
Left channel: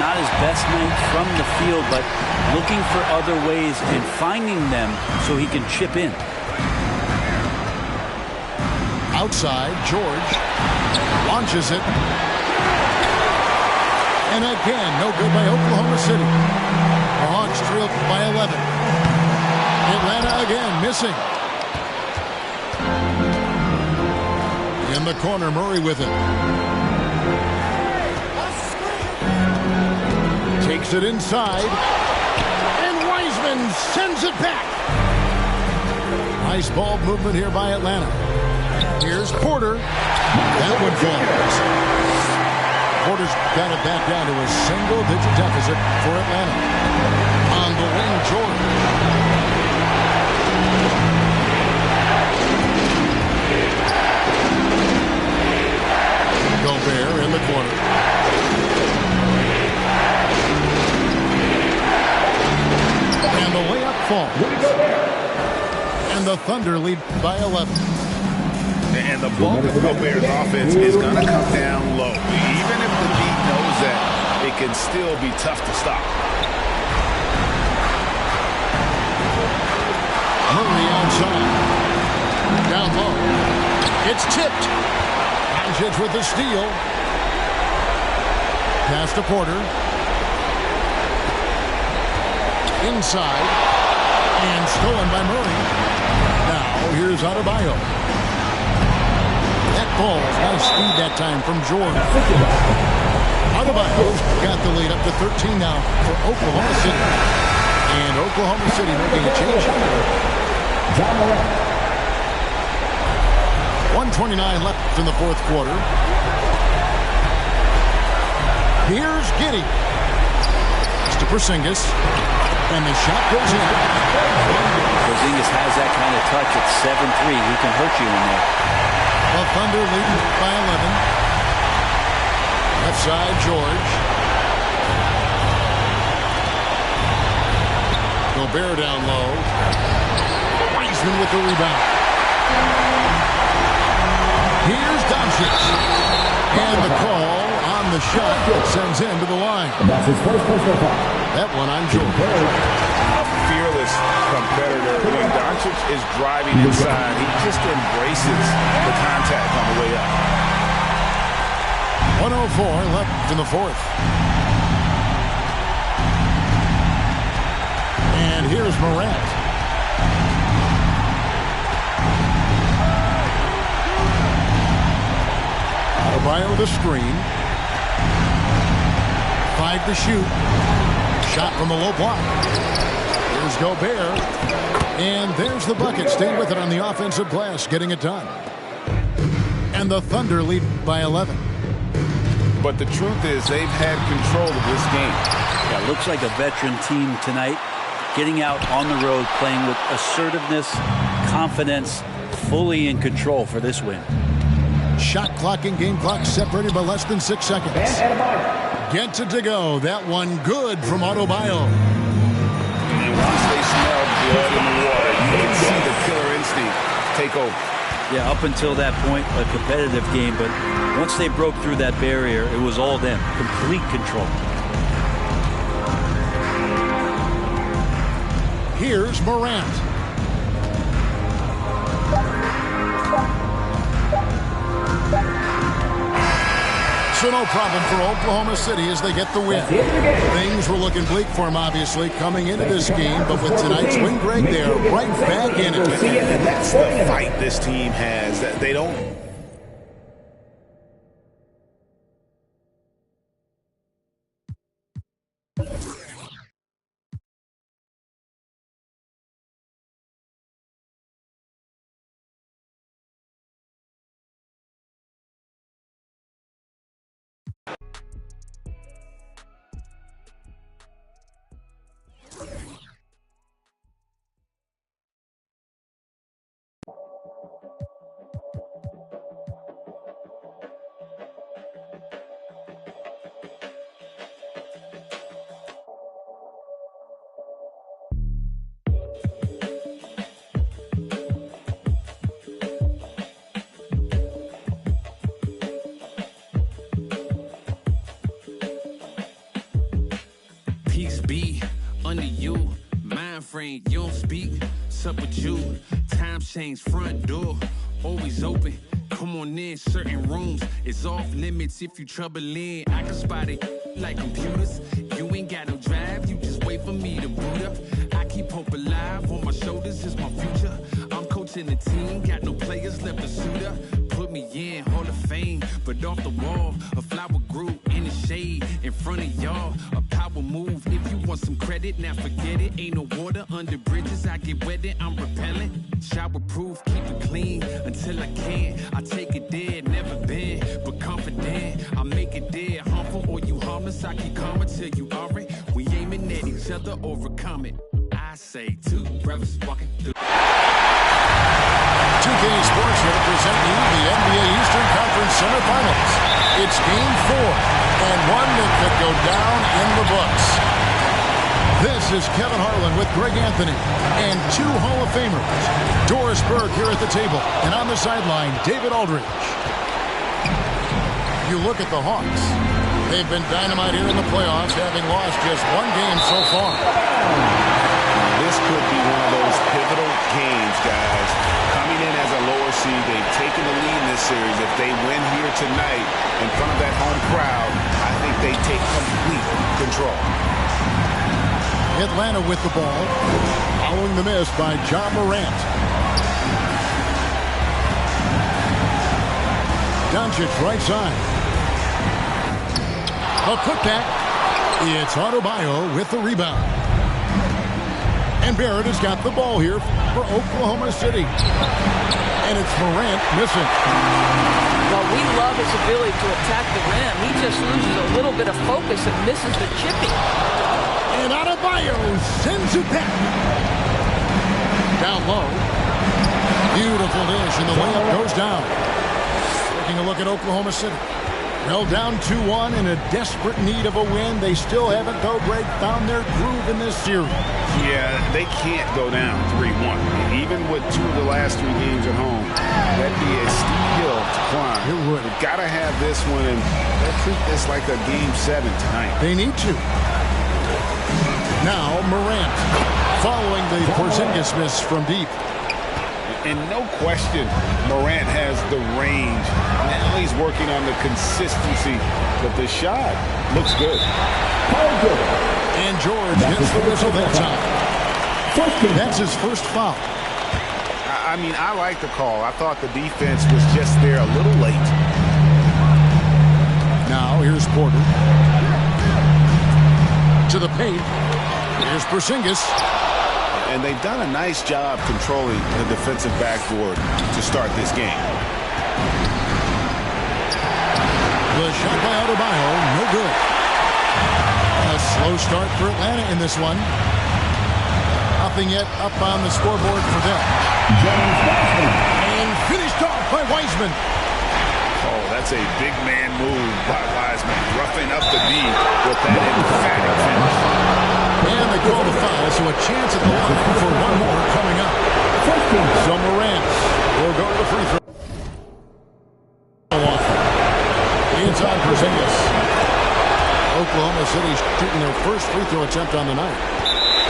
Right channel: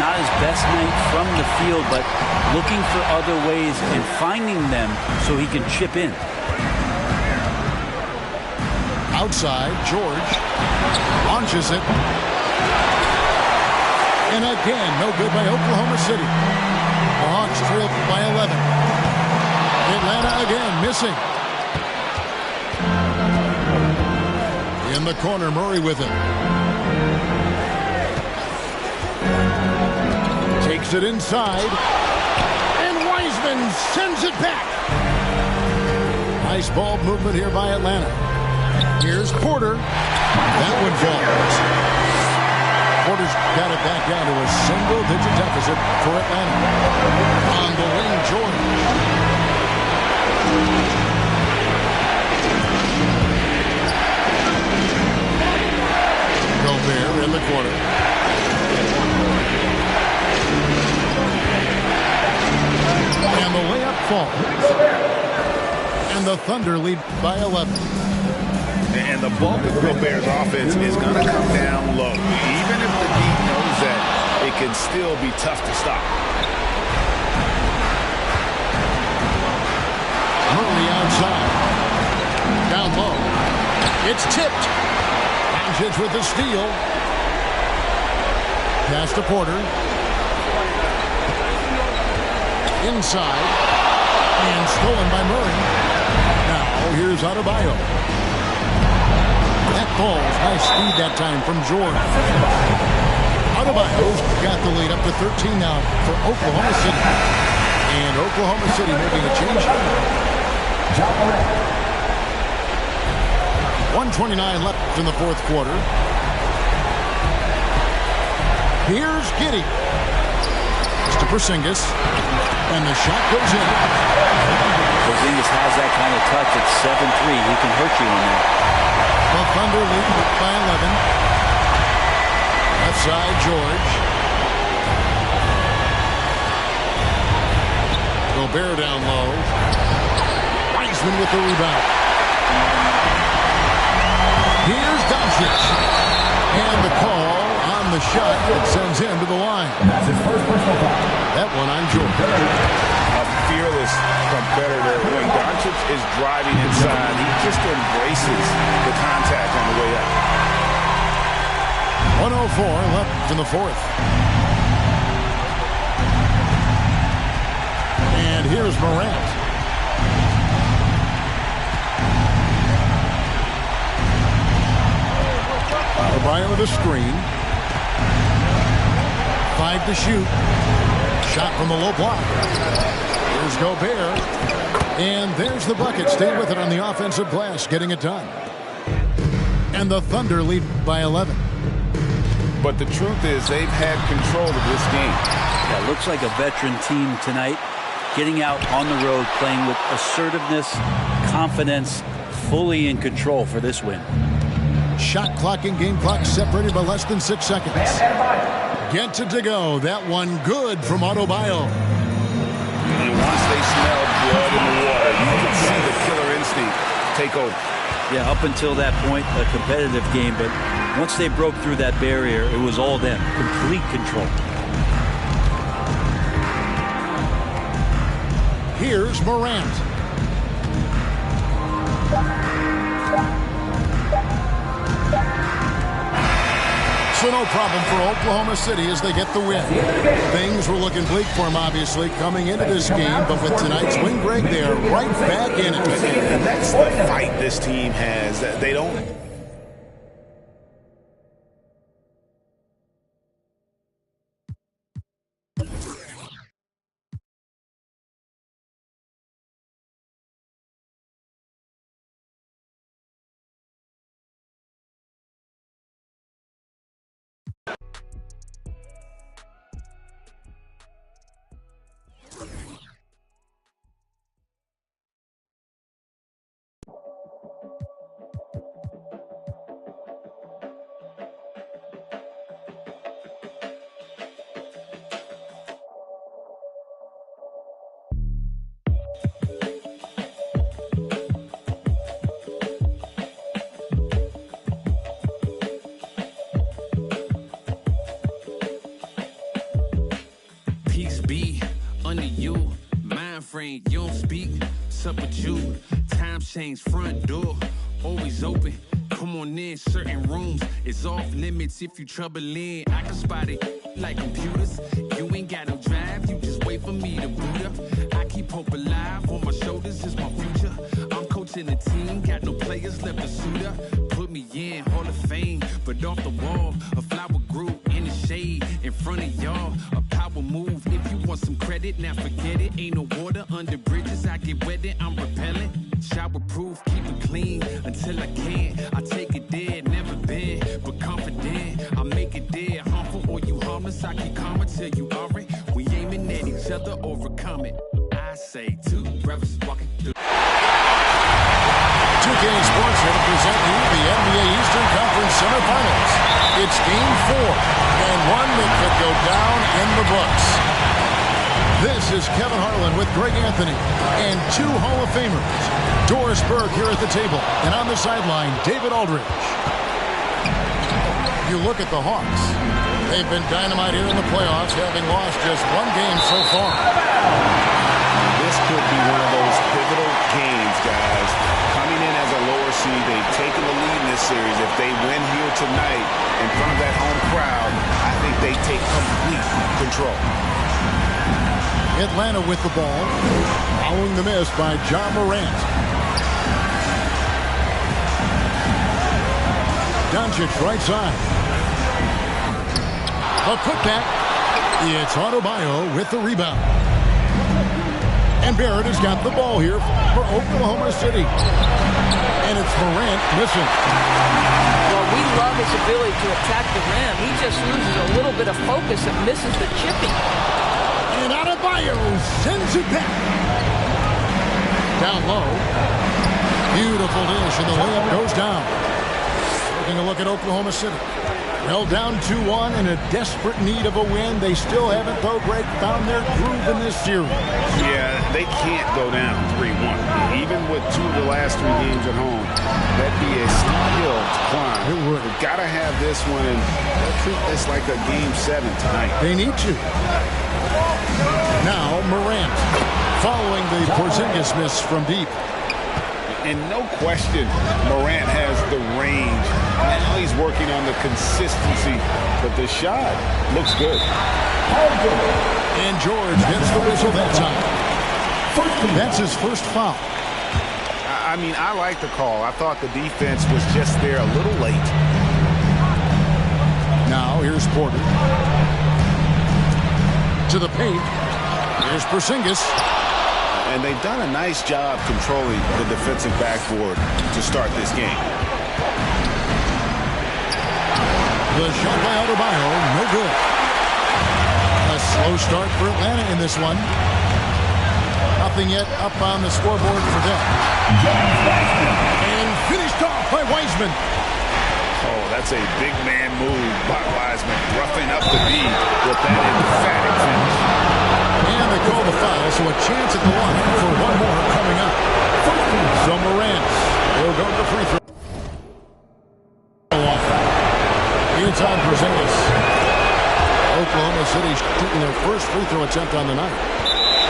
Not his best night from the field, but looking for other ways and finding them so he can chip in. Outside, George launches it. And again, no good by Oklahoma City. The Hawks trail by 11. Atlanta again missing. In the corner, Murray with it. Takes it inside. And Wiseman sends it back. Nice ball movement here by Atlanta. Here's Porter. That one falls. Porter's got it back down to a single-digit deficit for Atlanta. On the wing, George. Gobert in the corner. And the layup falls. And the Thunder lead by 11. And the bulk of Gobert's offense is going to come down low. Even if the Heat knows that, it can still be tough to stop. Murray outside. Down low. It's tipped. Doncic with the steal. Pass to Porter. inside. And stolen by Murray. Now here's Adebayo. That ball's nice speed that time from George. Adebayo's got the lead up to 13 now for Oklahoma City. And Oklahoma City making a change. 1:29 left in the fourth quarter. Here's Giddey. It's to Porzingis. And the shot goes in. Porzingis has that kind of touch at 7-3. He can hurt you in there. The Thunder leading by 11. Left side, George. Gobert down low. Wiseman with the rebound. Here's Doncic. And the call on the shot that sends him to the line. That's his first personal foul. That one on George. A fearless competitor. When Doncic is driving inside, he just embraces the contact on the way up. 1:04 left in the fourth. And here's Morant. Adebayo with a screen. 5 to shoot. Shot from the low block. Here's Gobert. And there's the bucket. Stay with it on the offensive glass, getting it done. And the Thunder lead by 11. But the truth is they've had control of this game. Yeah, looks like a veteran team tonight. Getting out on the road, playing with assertiveness, confidence, fully in control for this win. Shot clock and game clock separated by less than 6 seconds. Gets it to go. That one good from Adebayo. And once they smell blood in the water, you can see the killer instinct take over. Yeah, up until that point, a competitive game, but once they broke through that barrier, it was all them. Complete control. Here's Morant. So no problem for Oklahoma City as they get the win. Things were looking bleak for them, obviously, coming into this game. But with tonight's win, Greg, they are right back in it. And that's the fight this team has. They don't... Peace be under you, mind frame, you don't speak, sup with you, time change, front door, always open, come on in, certain rooms, it's off limits if you trouble in, I can spot it like computers, you ain't got no drive, you just wait for me to boot up, I keep hope alive, on my shoulders is my future, I'm coaching the team, got no players left to suit up, put me in, Hall of Fame, but off the wall, a flower grew in the shade, in front of y'all, a power move, if you want some credit, now forget it, ain't no water under bridges, I get wetted, I'm repellent, shower proof, keep it clean, until I can't, I take it there, never been, but confident, I make it there, harmful or you harmless, I keep calm until you are it, we aiming at each other, overcome it, I say two brothers walking through. 2K Sports here to present you the NBA Eastern Conference semifinals. It's Game 4, and one that could go down in the books. This is Kevin Harlan with Greg Anthony and 2 Hall of Famers. Doris Burke here at the table, and on the sideline, David Aldridge. You look at the Hawks. They've been dynamite here in the playoffs, having lost just 1 game so far. This could be one of those pivotal games, guys. Coming in as a lower seed, they've taken the lead in this series. If they win here tonight in front of that home crowd, I think they take complete control. Atlanta with the ball. Following the miss by Ja Morant. Doncic right side. A putback. It's Adebayo with the rebound. And Barrett has got the ball here for Oklahoma City. And it's Morant missing. Well, we love his ability to attack the rim. He just loses a little bit of focus and misses the chipping. And Adebayo sends it back. Down low. Beautiful dish, and the layup goes down. Taking a look at Oklahoma City. Well, down 2-1 in a desperate need of a win. They still haven't, though, Greg, found their groove in this series. Yeah, they can't go down 3-1. Even with 2 of the last 3 games at home, that'd be a steep hill to climb. It would. They've got to have this one, and they'll treat this like a Game 7 tonight. They need to. Now, Morant, following the Porzingis miss from deep. And no question, Morant has the range. Now he's working on the consistency, but the shot looks good. And George gets the whistle that time. That's his first foul. I mean, I like the call. I thought the defense was just there a little late. Now, here's Porter. To the paint. Here's Porzingis. And they've done a nice job controlling the defensive backboard to start this game. The shot by Adebayo, no good. A slow start for Atlanta in this one. Nothing yet up on the scoreboard for them. And finished off by Wiseman. Oh, that's a big man move by Wiseman, roughing up the D with that emphatic finish. And they call the foul, so a chance at the line for one more coming up. So Morant will go to the free throw. Inside Porzingis. Oklahoma City shooting their first free throw attempt on the night.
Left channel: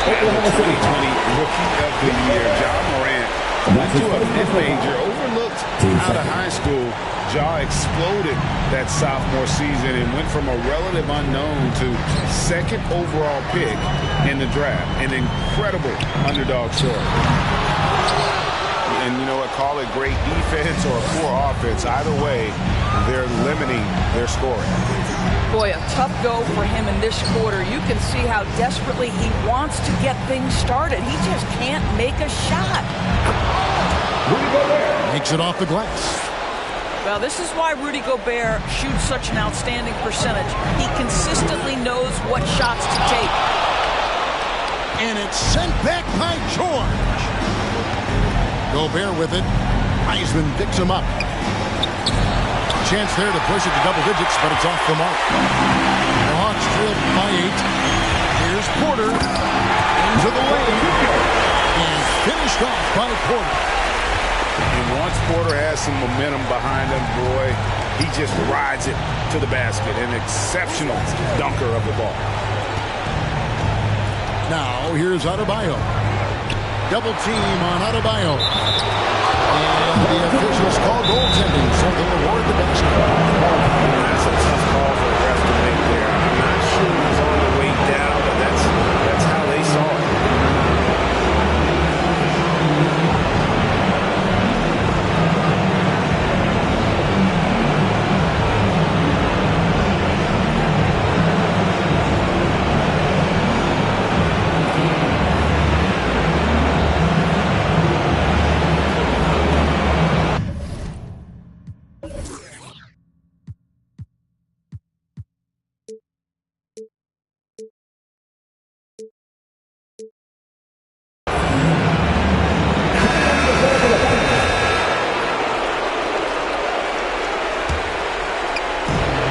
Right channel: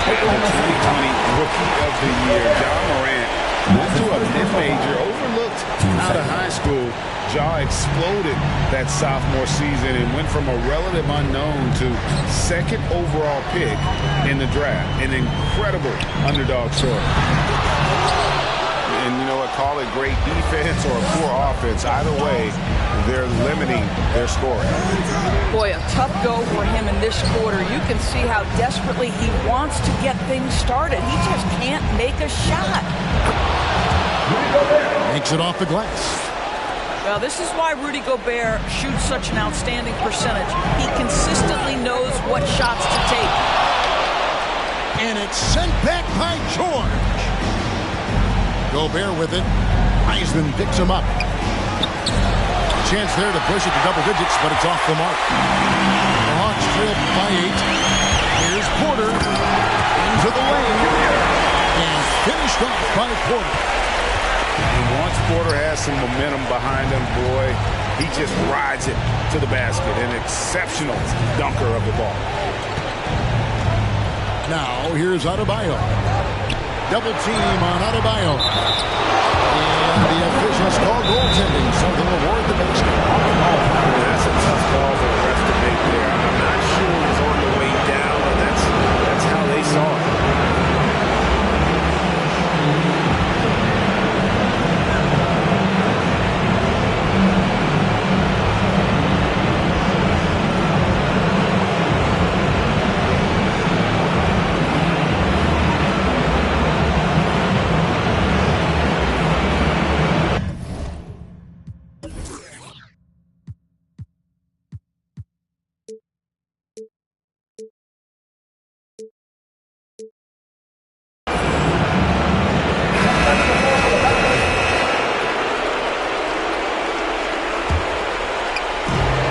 And the 2020 Rookie of the Year, Ja Morant, went to a mid-major, overlooked out of high school. Ja exploded that sophomore season and went from a relative unknown to second overall pick in the draft. An incredible underdog story. And you know what, call it great defense or poor offense. Either way, they're limiting their scoring. Boy, a tough go for him in this quarter. You can see how desperately he wants to get things started. He just can't make a shot. Makes it off the glass. Well, this is why Rudy Gobert shoots such an outstanding percentage. He consistently knows what shots to take. And it's sent back by George. Gobert with it. Wiseman picks him up. Chance there to push it to double digits, but it's off the mark. The Hawks trail by 8. Here's Porter. Into the lane. And finished off by Porter. And once Porter has some momentum behind him, boy, he just rides it to the basket. An exceptional dunker of the ball. Now, here's Adebayo. Double team on Adebayo. And the officials call goaltending, so they'll award the basket. Yeah, that's a tough call for the ref to make there. I'm not sure it was on the way down, but that's how they saw it.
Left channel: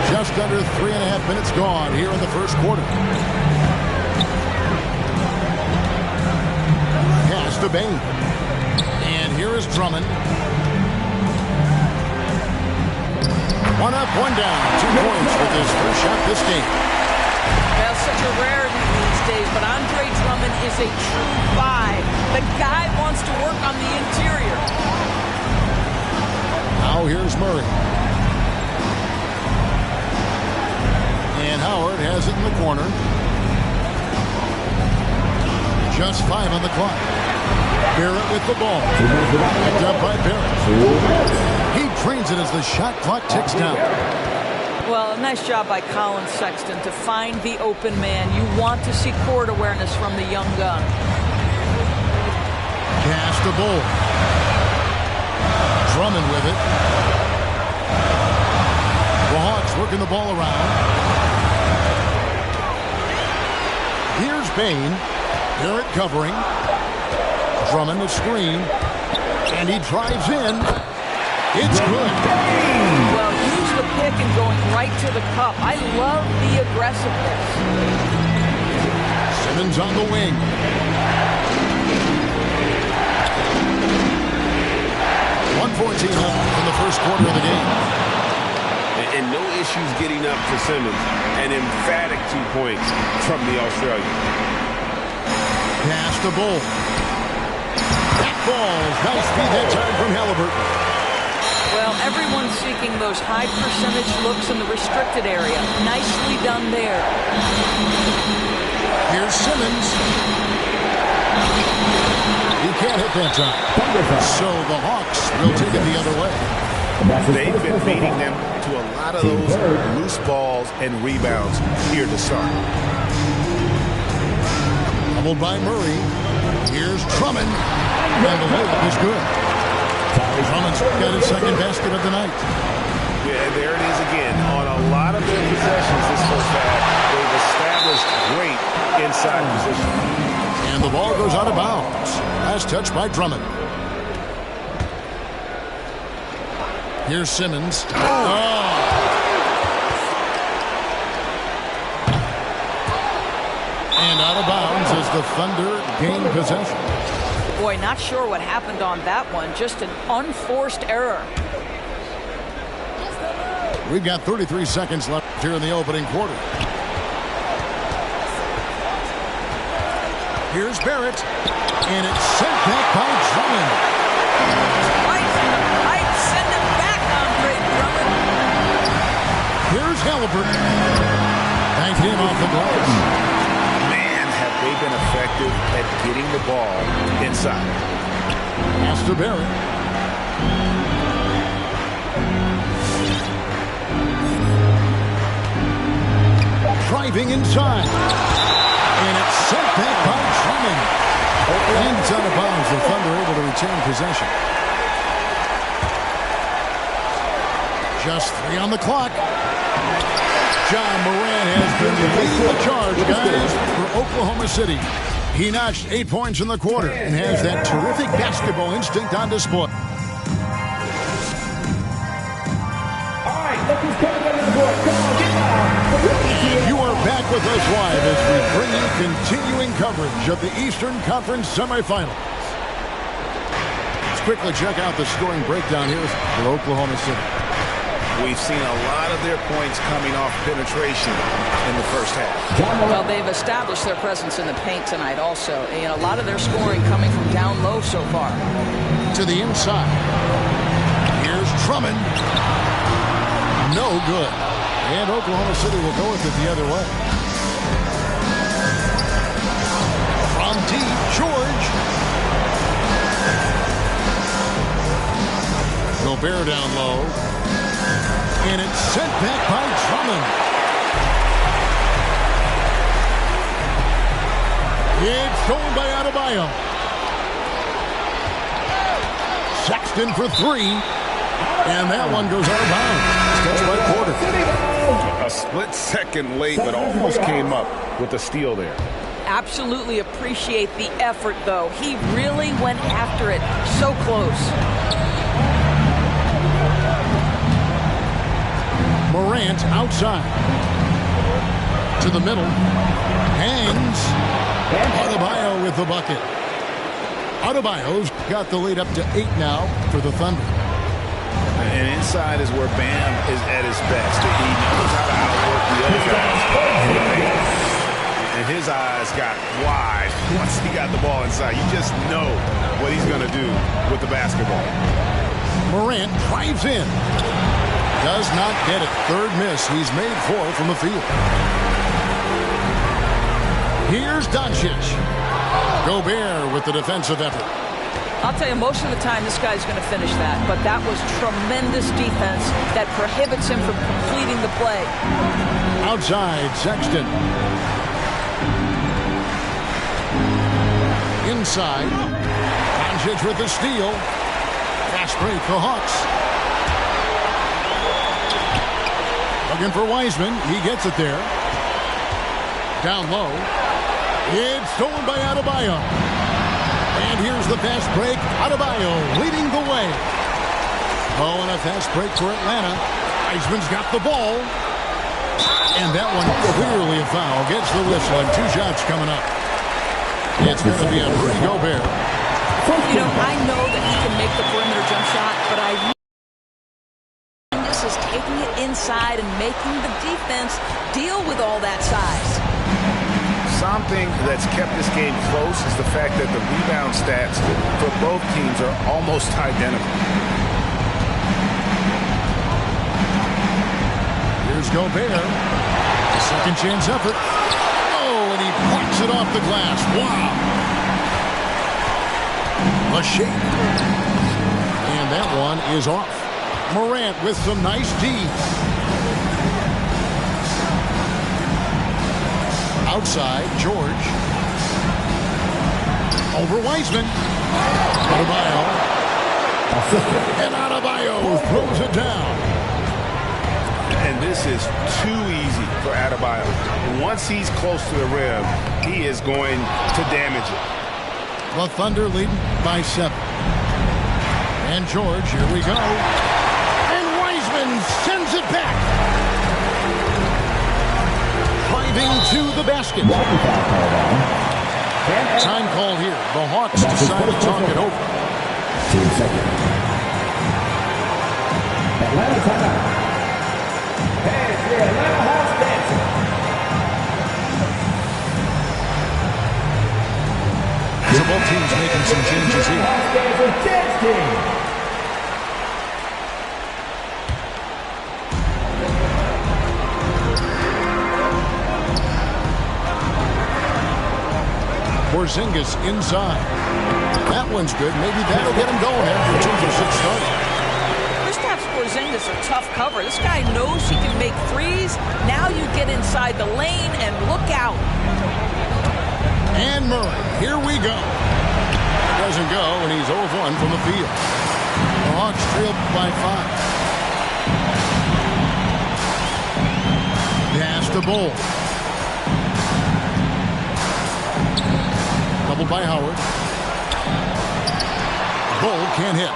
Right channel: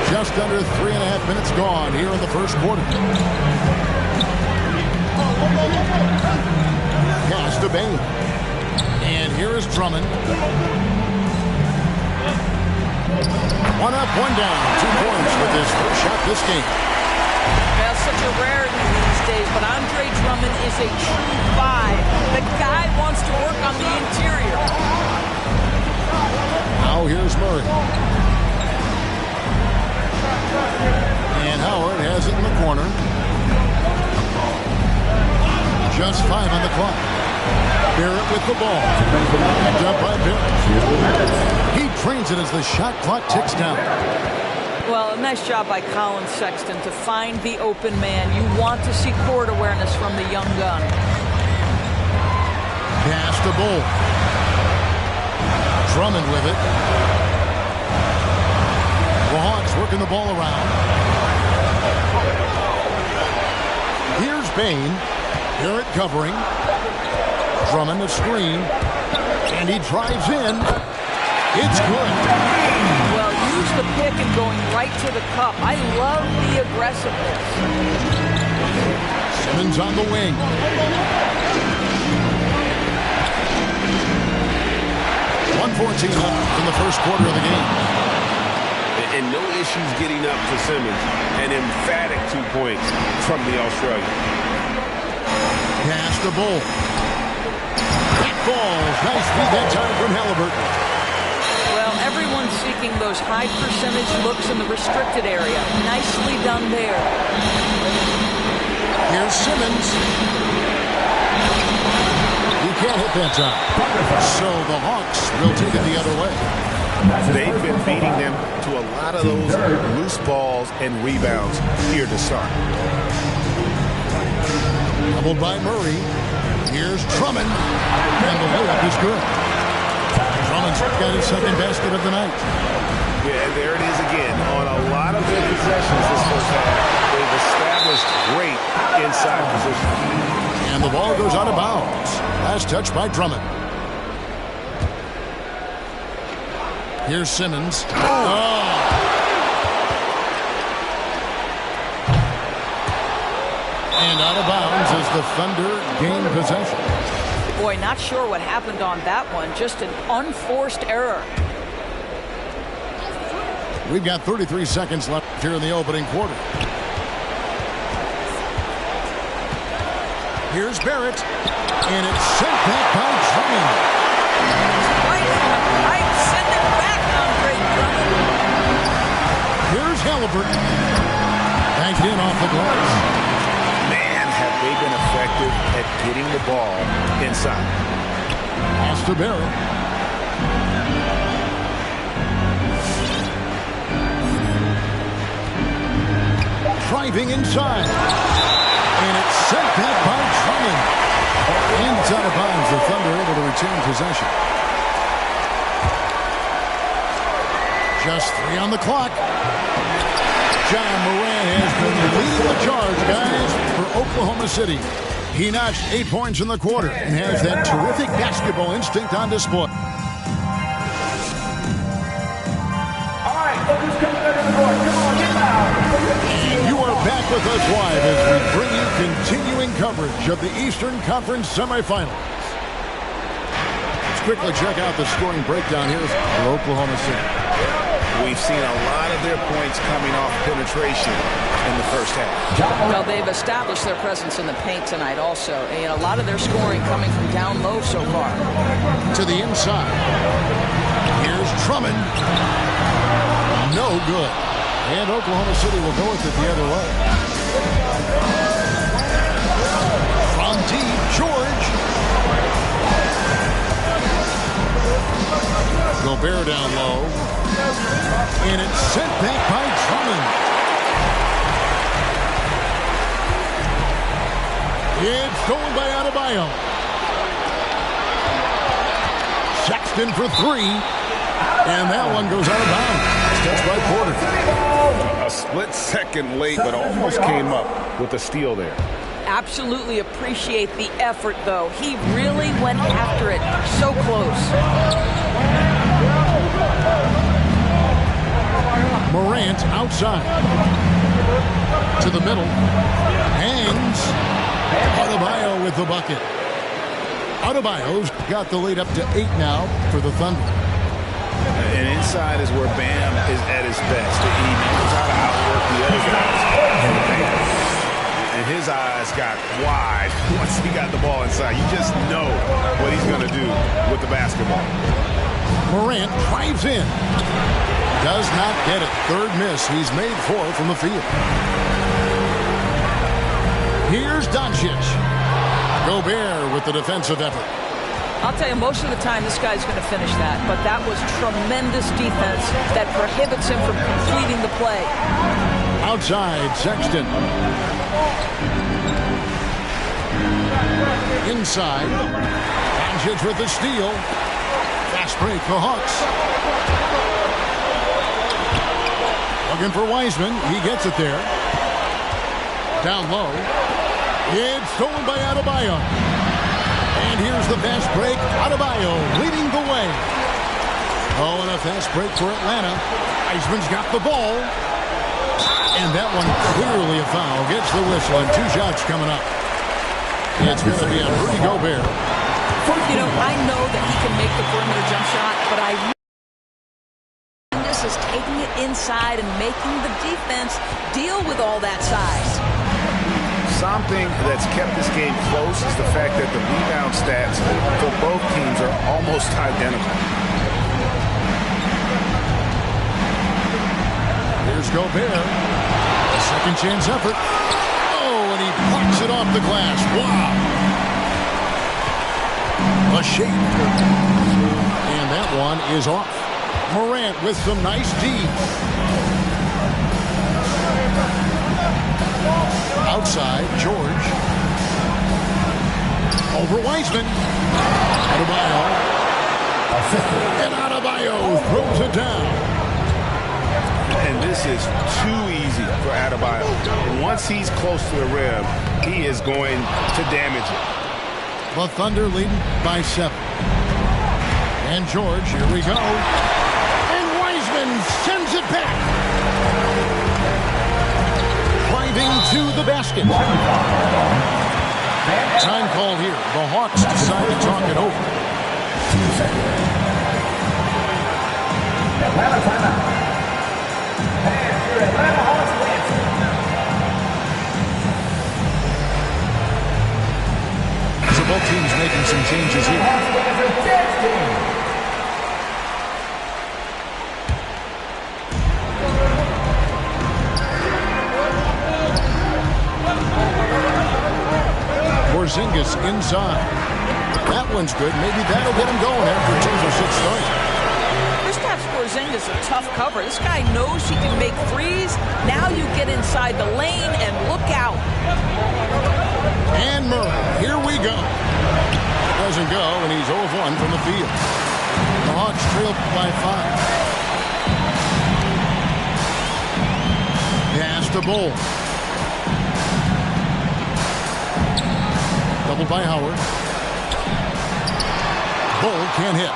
Just under 3.5 minutes gone here in the first quarter. Pass to Bane. And here is Drummond. One up, one down. 2 points with his first shot this game. That's such a rarity these days, but Andre Drummond is a true 5. The guy wants to work on the interior. Now here's Murray. And Howard has it in the corner. Just 5 on the clock. Barrett with the ball. Picked up by Barrett. He trains it as the shot clock ticks down. Well, a nice job by Colin Sexton to find the open man. You want to see court awareness from the young gun. Pass to Bull. Drummond with it. The Hawks working the ball around. Here's Bain. Barrett covering. Drummond the screen. And he drives in. It's good. Well, use the pick and going right to the cup. I love the aggressiveness. Simmons on the wing. .114 left in the first quarter of the game. And no issues getting up for Simmons. An emphatic 2 points from the Australian. Pass to Bull. That falls. Nice feed that time from Halliburton. Well, everyone's seeking those high percentage looks in the restricted area. Nicely done there. Here's Simmons. He can't hit that time. So the Hawks will take it the other way. They've been beating them to a lot of those loose balls and rebounds here to start. Doubled by Murray. Here's Drummond. And the layup is good. Drummond's got his second basket of the night. Yeah, there it is again. On a lot of their possessions this first half, they've established great inside position. And the ball goes out of bounds. Last touch by Drummond. Here's Simmons. Oh. And out of bounds as the Thunder gain possession. Boy, not sure what happened on that one. Just an unforced error. We've got 33 seconds left here in the opening quarter. Here's Barrett. And it's sent back by Drummond. Twice in the pipe. Send it back, Andre Drummond. Here's Halliburton. Banked in off the glass. Man, have they been effective at getting the ball inside. Pass to Barrett. Driving inside. And it's sent back by Drummond. And it's out of bounds. The Thunder able to retain possession. Just 3 on the clock. Ja Morant has been leading the charge, guys, for Oklahoma City. He notched 8 points in the quarter and has that terrific basketball instinct on display. All right, look who's coming under the board. Come on, get loud. And you are back with us live as we bring you continuing coverage of the Eastern Conference semifinals. Let's quickly check out the scoring breakdown here for Oklahoma City. We've seen a lot of their points coming off penetration in the first half. Well, they've established their presence in the paint tonight also. And a lot of their scoring coming from down low so far. To the inside. Here's Drummond. No good. And Oklahoma City will go with it the other way. From deep, George. Gobert down low. And it's sent back by Drummond. It's stolen by Adebayo. Sexton for 3. And that one goes out of bounds. Touched by Porter. A split second late, but almost came up with a steal there. Absolutely appreciate the effort, though. He really went after it. So close. Morant outside. To the middle. Hangs. Adebayo with the bucket. Adebayo's got the lead up to 8 now for the Thunder. And inside is where Bam is at his best. He knows how to outwork the other guys in the paint. And his eyes got wide once he got the ball inside. You just know what he's going to do with the basketball. Morant drives in. Does not get it. Third miss. He's made 4 from the field. Here's Doncic. Gobert with the defensive effort. I'll tell you, most of the time this guy's going to finish that, but that was tremendous defense that prohibits him from completing the play. Outside, Sexton. Inside, Doncic with the steal. Fast break, the Hawks. Looking for Wiseman. He gets it there. Down low. It's stolen by Adebayo. And here's the fast break. Adebayo leading the way. Oh, and a fast break for Atlanta. Wiseman's got the ball. And that one clearly a foul. Gets the whistle and 2 shots coming up. It's going to be on Rudy Gobert. You know, I know that he can make the perimeter jump shot, but this is taking it inside and making the defense deal with all that size. Something that's kept this game close is the fact that the rebound stats for both teams are almost identical. Here's Gobert. A second chance effort. Oh, and he plucks it off the glass. Wow. A shake. And that one is off. Morant with some nice D. Outside, George. Over Wiseman. Adebayo. And Adebayo throws it down. And this is too easy for Adebayo. Once he's close to the rim, he is going to damage it. The Thunder leading by 7. And George, here we go. And Wiseman sends it back. Driving to the basket. Time call here. The Hawks decide to talk it over. 2 seconds. Atlanta timeout. And your Atlanta Hawks dancing. So both teams making some changes here. Hawks dancer dance team. Porzingis inside. That one's good. Maybe that'll get him going after 2 for 6 starting. Kristaps Porzingis a tough cover. This guy knows he can make threes. Now you get inside the lane and look out. And Murray, here we go. It doesn't go, and he's 0 of 1 from the field. The Hawks trail by 5. Pass to Bull. Doubled by Howard. Bull can't hit.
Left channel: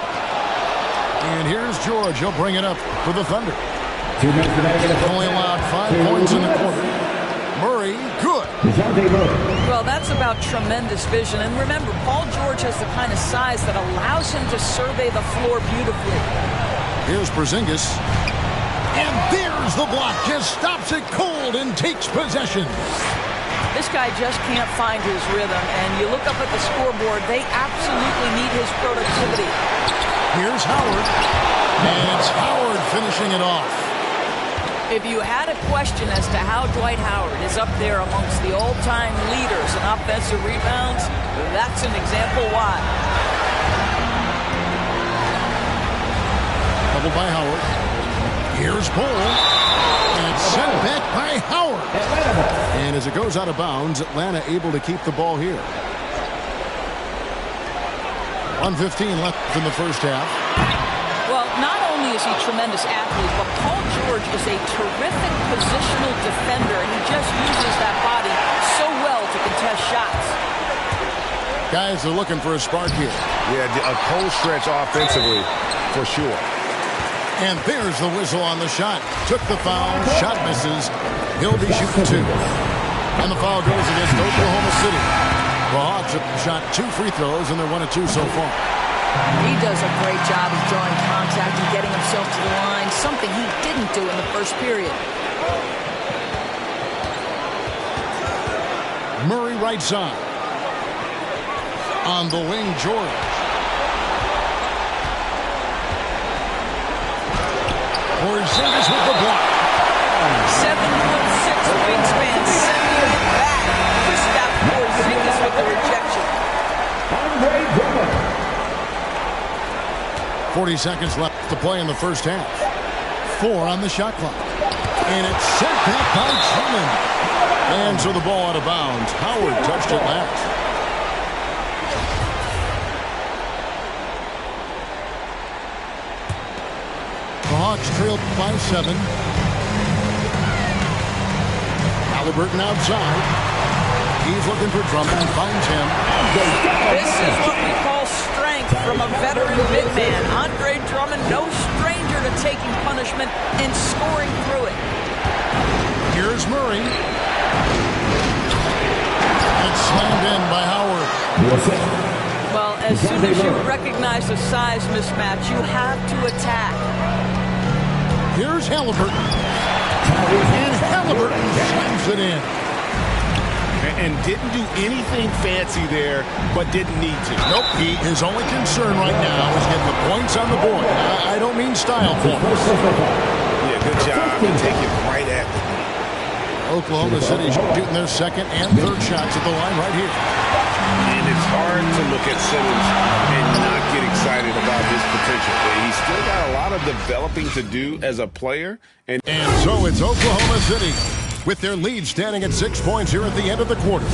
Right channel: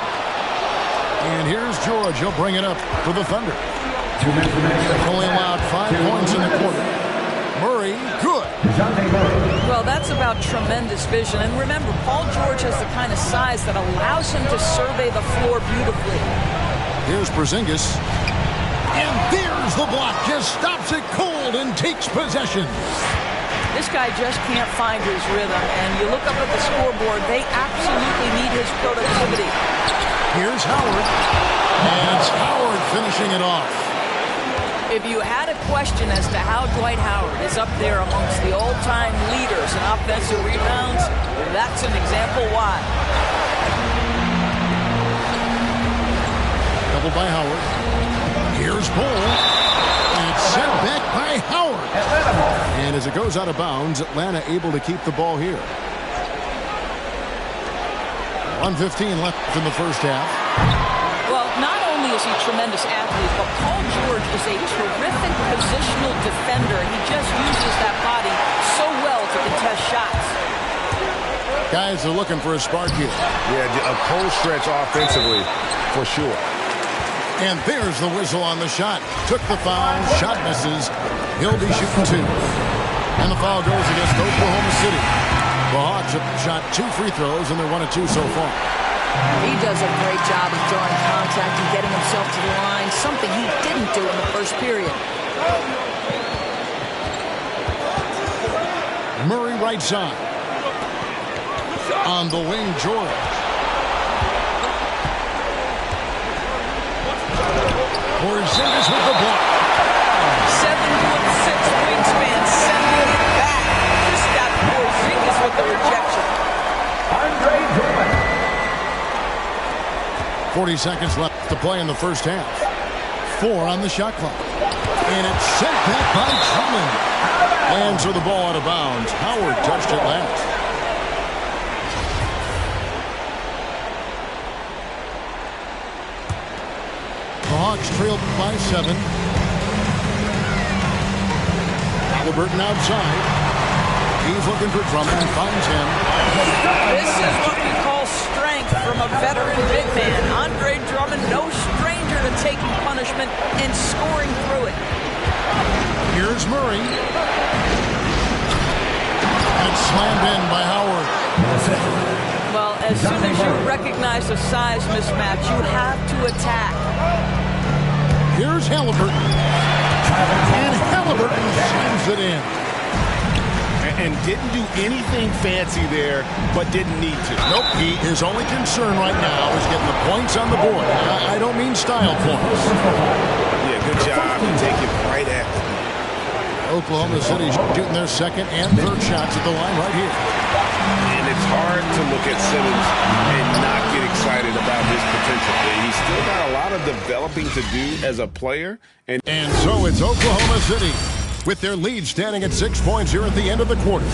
And here's George. He'll bring it up for the Thunder. 2 minutes remaining. Only allowed 5 points in the quarter. Murray, good. Well, that's about tremendous vision. And remember, Paul George has the kind of size that allows him to survey the floor beautifully. Here's Porzingis. And there's the block. Just stops it cold and takes possession. This guy just can't find his rhythm. And you look up at the scoreboard, they absolutely need his productivity. Here's Howard. And it's Howard finishing it off. If you had a question as to how Dwight Howard is up there amongst the all-time leaders in offensive rebounds, that's an example why. Doubled by Howard. Here's Bull. And it's sent back by Howard. And as it goes out of bounds, Atlanta able to keep the ball here. 1:15 left in the first half. Well, not only is he a tremendous athlete, but Paul George is a terrific positional defender, and he just uses that body so well to contest shots. Guys are looking for a spark here. Yeah, a cold stretch offensively, for sure. And there's the whistle on the shot. Took the foul, shot misses. He'll be shooting 2. And the foul goes against Oklahoma City. The Hawks have shot 2 free throws, and they're 1 of 2 so far. He does a great job of drawing contact and getting himself to the line, something he didn't do in the first period. Murray right side. On the wing, George. Porzingis with the block. 7'6" wingspan, sending it back. Kristaps Porzingis with the rejection. Andre Drummond. 40 seconds left to play in the first half. 4 on the shot clock. And it's sent back by Drummond. And so the ball out of bounds. Howard touched it last. The Hawks trailed by 7. Halliburton outside. He's looking for Drummond and finds him. This is what we call strength from a veteran big man. Andre Drummond, no stranger to taking punishment and scoring through it. Here's Murray. And it's slammed in by Howard. Well, as soon as you recognize a size mismatch, you have to attack. Here's Halliburton. And Halliburton slams it in. And didn't do anything fancy there, but didn't need to. Nope. His only concern right now is getting the points on the board. I don't mean style points. Yeah, good job to take it right at the net. Oklahoma City shooting their second and third shots at the line right here. And it's hard to look at Simmons and not get excited about his potential. He's still got a lot of developing to do as a player. And so it's Oklahoma City with their lead standing at 6 points here at the end of the quarter.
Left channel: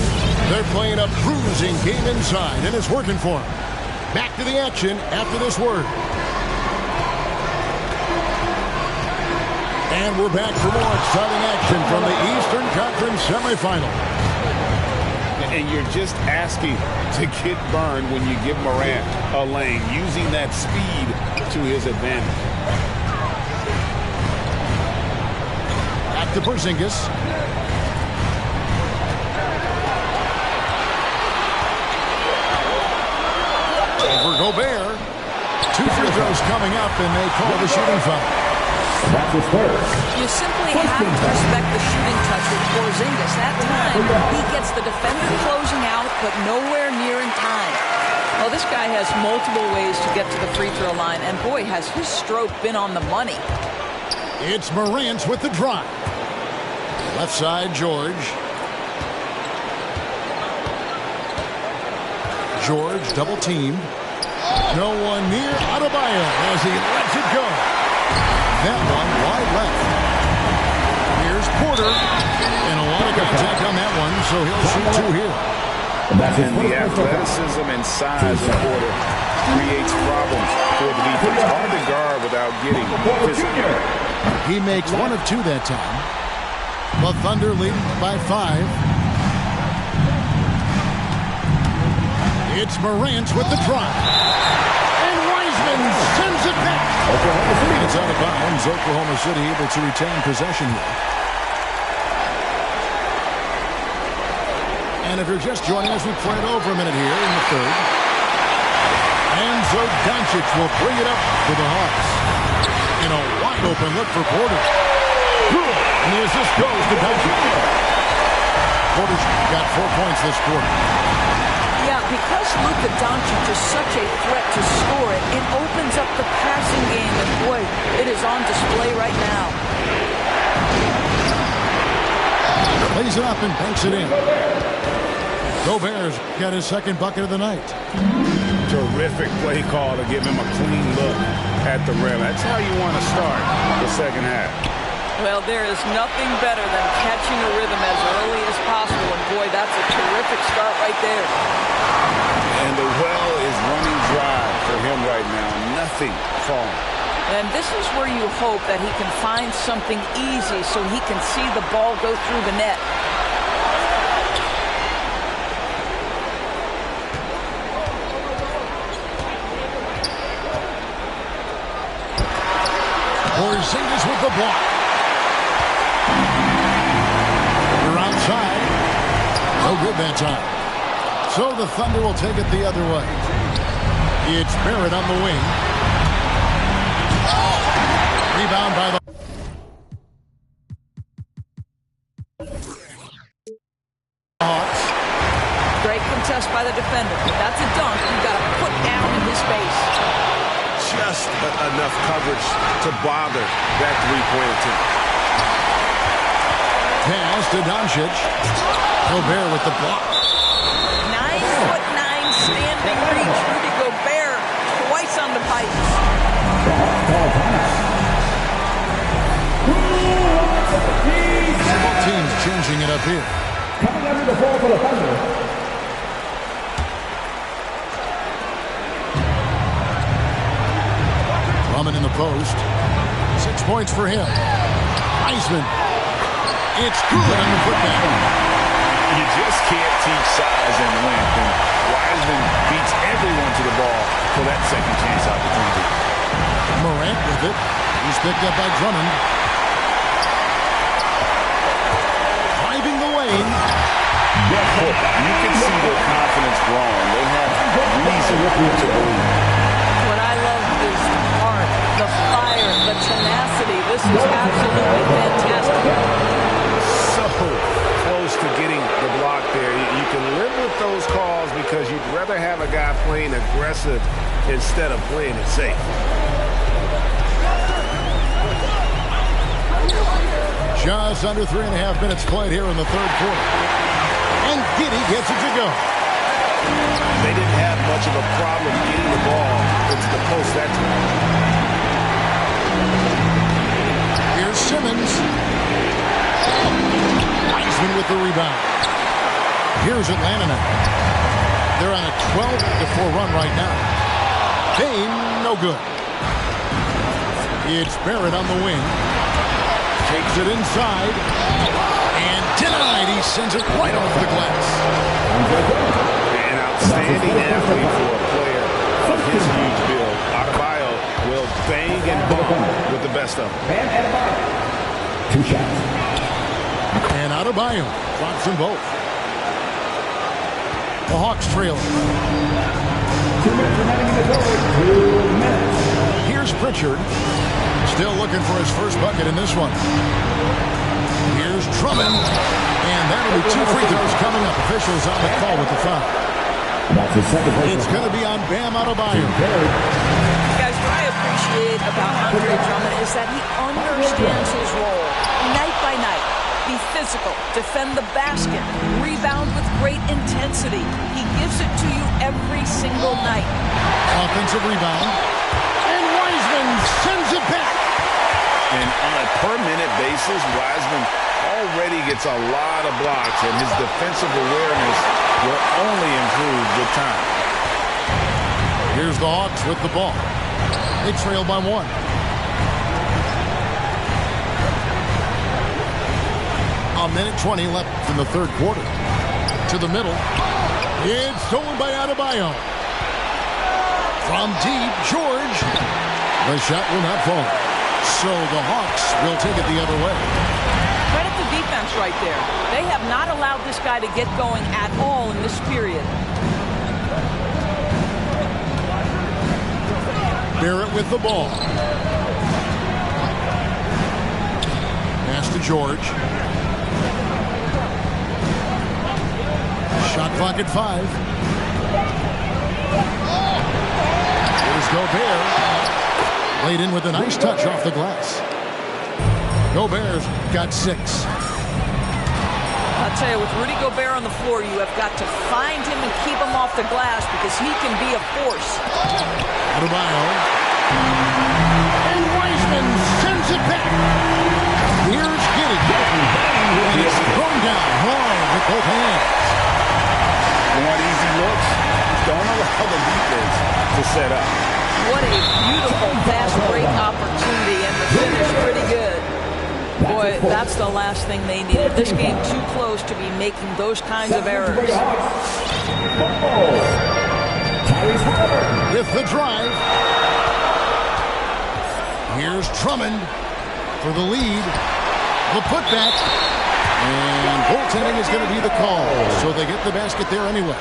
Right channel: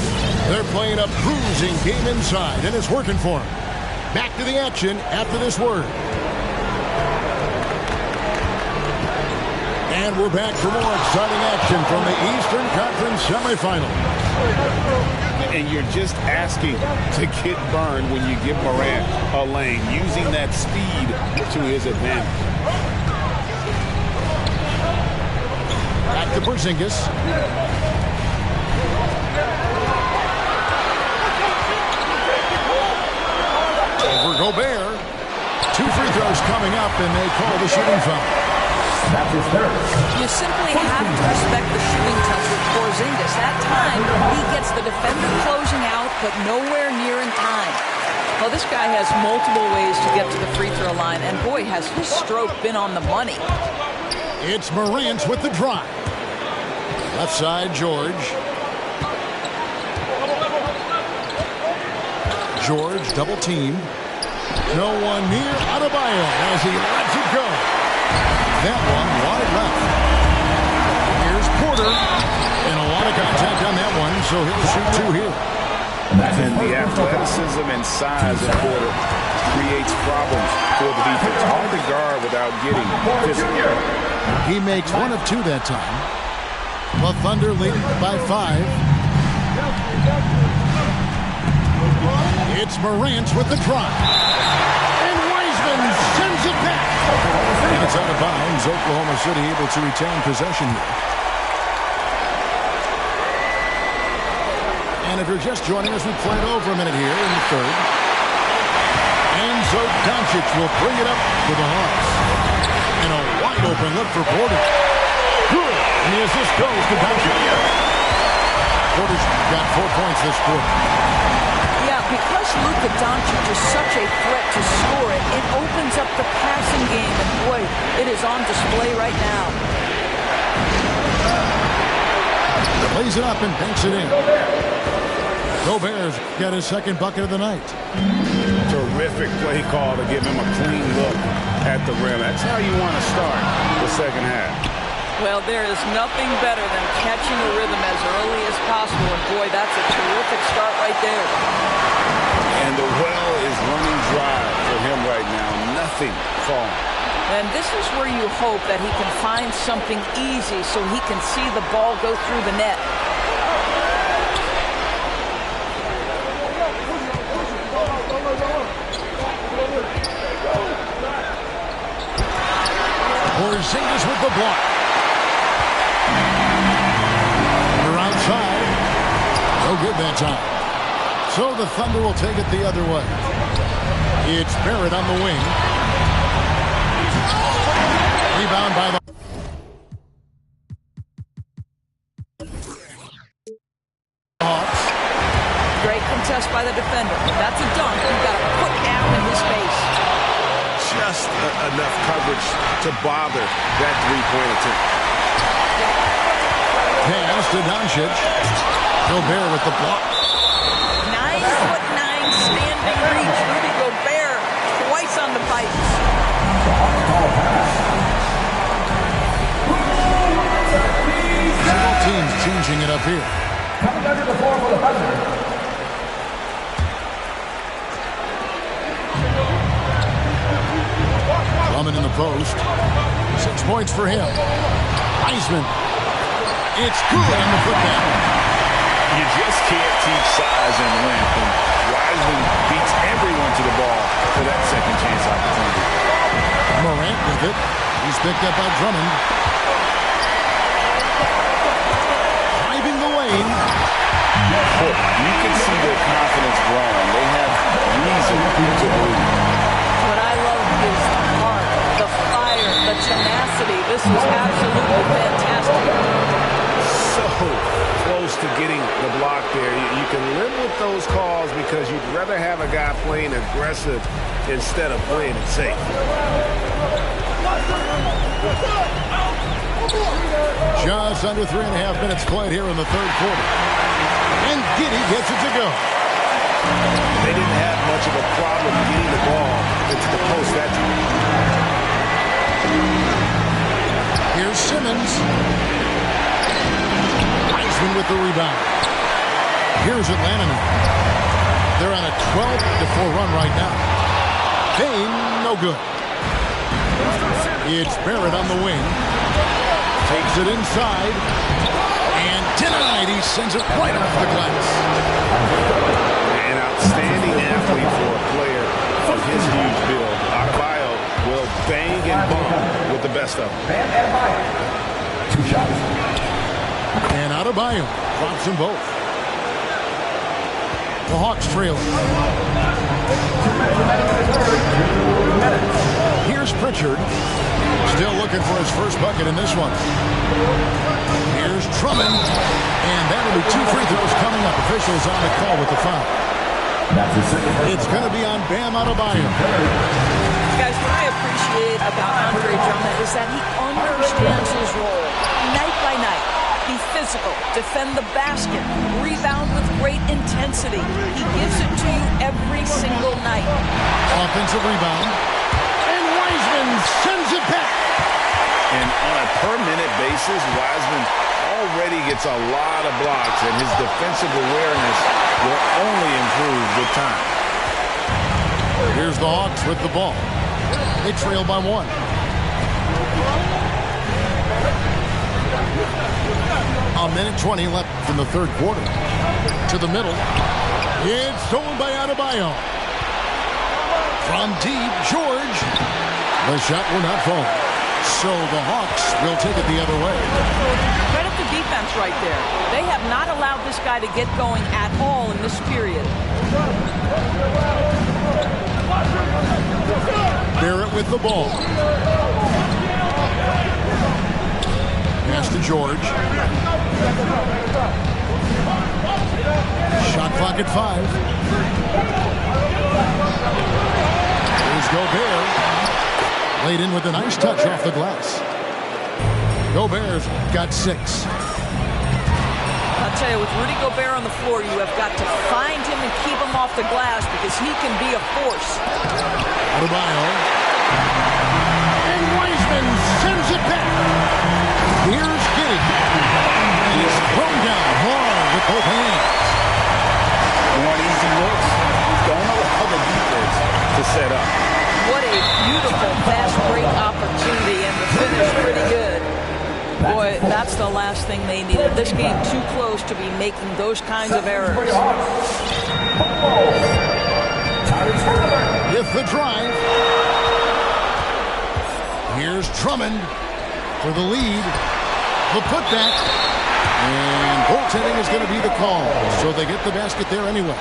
They're playing a bruising game inside, and it's working for them. Back to the action after this word. And we're back for more exciting action from the Eastern Conference semifinal. And you're just asking to get burned when you give Morant a lane, using that speed to his advantage. Back to Porzingis. Over Gobert. 2 free throws coming up, and they call the shooting foul. That's his third. You simply have to respect the shooting touch with Porzingis. That time, he gets the defender closing out, but nowhere near in time. Well, this guy has multiple ways to get to the free throw line, and boy, has his stroke been on the money. It's Morant with the drive. Left side, George. George double teamed. No one near Adebayo as he lets it go. That one wide left. Here's Porter. And a lot of contact on that one, so he'll shoot 2 here. And the athleticism and size of Porter creates problems for the defense. Hard to guard without getting physical. He makes 1 of 2 that time. The Thunder leading by 5. It's Morant with the drive. And Wiseman sends it back. And it's out of bounds. Oklahoma City able to retain possession here. And if you're just joining us, we played over a minute here in the third. And so Doncic will bring it up for the Hawks. And a wide open look for Porter. Good. And the assist goes to Doncic. Porter's got 4 points this quarter. Yeah, because Luka Doncic is such a threat to score it, it opens up the passing game, and boy, it is on display right now. Plays it up and banks it in. Gobert's got his second bucket of the night. Terrific play call to give him a clean look at the rim. That's how you want to start the second half. Well, there is nothing better than catching a rhythm as early as possible, and boy, that's a terrific start right there. And the well is running dry for him right now. Nothing falling. And this is where you hope that he can find something easy so he can see the ball go through the net. Porzingis with the block. They're outside. No good that time. So the Thunder will take it the other way. It's Barrett on the wing. Rebound by the Hawks. Great contest by the defender. If that's a dunk, you've got to put down in his face. Just enough coverage to bother that three-point attempt. Pass to Doncic. Gobert with the block. 9'9" standing within reach. Rudy Gobert twice on the pipes. Both teams changing it up here. Coming under the floor for the Thunder. Drummond in the post. 6 points for him. Wiseman. It's good on the putback. You just can't teach size and length, and Wiseman beats everyone to the ball for that second chance opportunity. Morant with it. He's picked up by Drummond. Driving the lane. You can see their confidence growing. They have reason to believe. What I love is the heart, the fire, the tenacity. This is absolutely fantastic. So close to getting the block there. You can live with those calls because you'd rather have a guy playing aggressive instead of playing it safe. Just under 3.5 minutes played here in the third quarter. And Giddey gets it to go. They didn't have much of a problem getting the ball into the post that time. Here's Simmons. Wiseman with the rebound. Here's Atlanta now. They're on a 12-4 run right now. Payne, no good. It's Barrett on the wing. Takes it inside. And denied. He sends it right off the glass. An outstanding athlete for a player of his huge build. Adebayo will bang and bump with the best of them. Bam Adebayo. 2 shots. And Adebayo drops them both. The Hawks trailing. 2 minutes remaining in the third. 2 minutes. Here's Pritchard. Still looking for his first bucket in this one. Here's Drummond. And that'll be 2 free throws coming up. Officials on the call with the foul. That's the second. It's going to be on Bam Adebayo. Guys, what I appreciate about Andre Drummond is that he understands his role night by night. Be physical, defend the basket, rebound with great intensity. He gives it to you every single night. Offensive rebound. And Wiseman sends it back. And on a per-minute basis, Wiseman already gets a lot of blocks, and his defensive awareness will only improve with time. Here's the Hawks with the ball. They trail by 1. A minute 20 left in the third quarter. To the middle. It's stolen by Adebayo. From deep, George. The shot will not fall. So the Hawks will take it the other way. Credit the defense right there. They have not allowed this guy to get going at all in this period. Barrett with the ball. Pass to George. Shot clock at 5. Here's Gobert. Laid in with a nice touch off the glass. Gobert's got 6. I'll tell you, with Rudy Gobert on the floor, you have got to find him and keep him off the glass because he can be a force. Adebayo. And Wiseman sends it back. Here's Giddey. And it's thrown down hard with both hands. Want easy looks? Don't allow the defense to set up. What a beautiful fast break opportunity, and the finish pretty good. Boy, that's the last thing they needed. This game too close to be making those kinds of errors. With the drive. Here's Drummond for the lead. The putback. And goaltending is going to be the call. So they get the basket there anyway.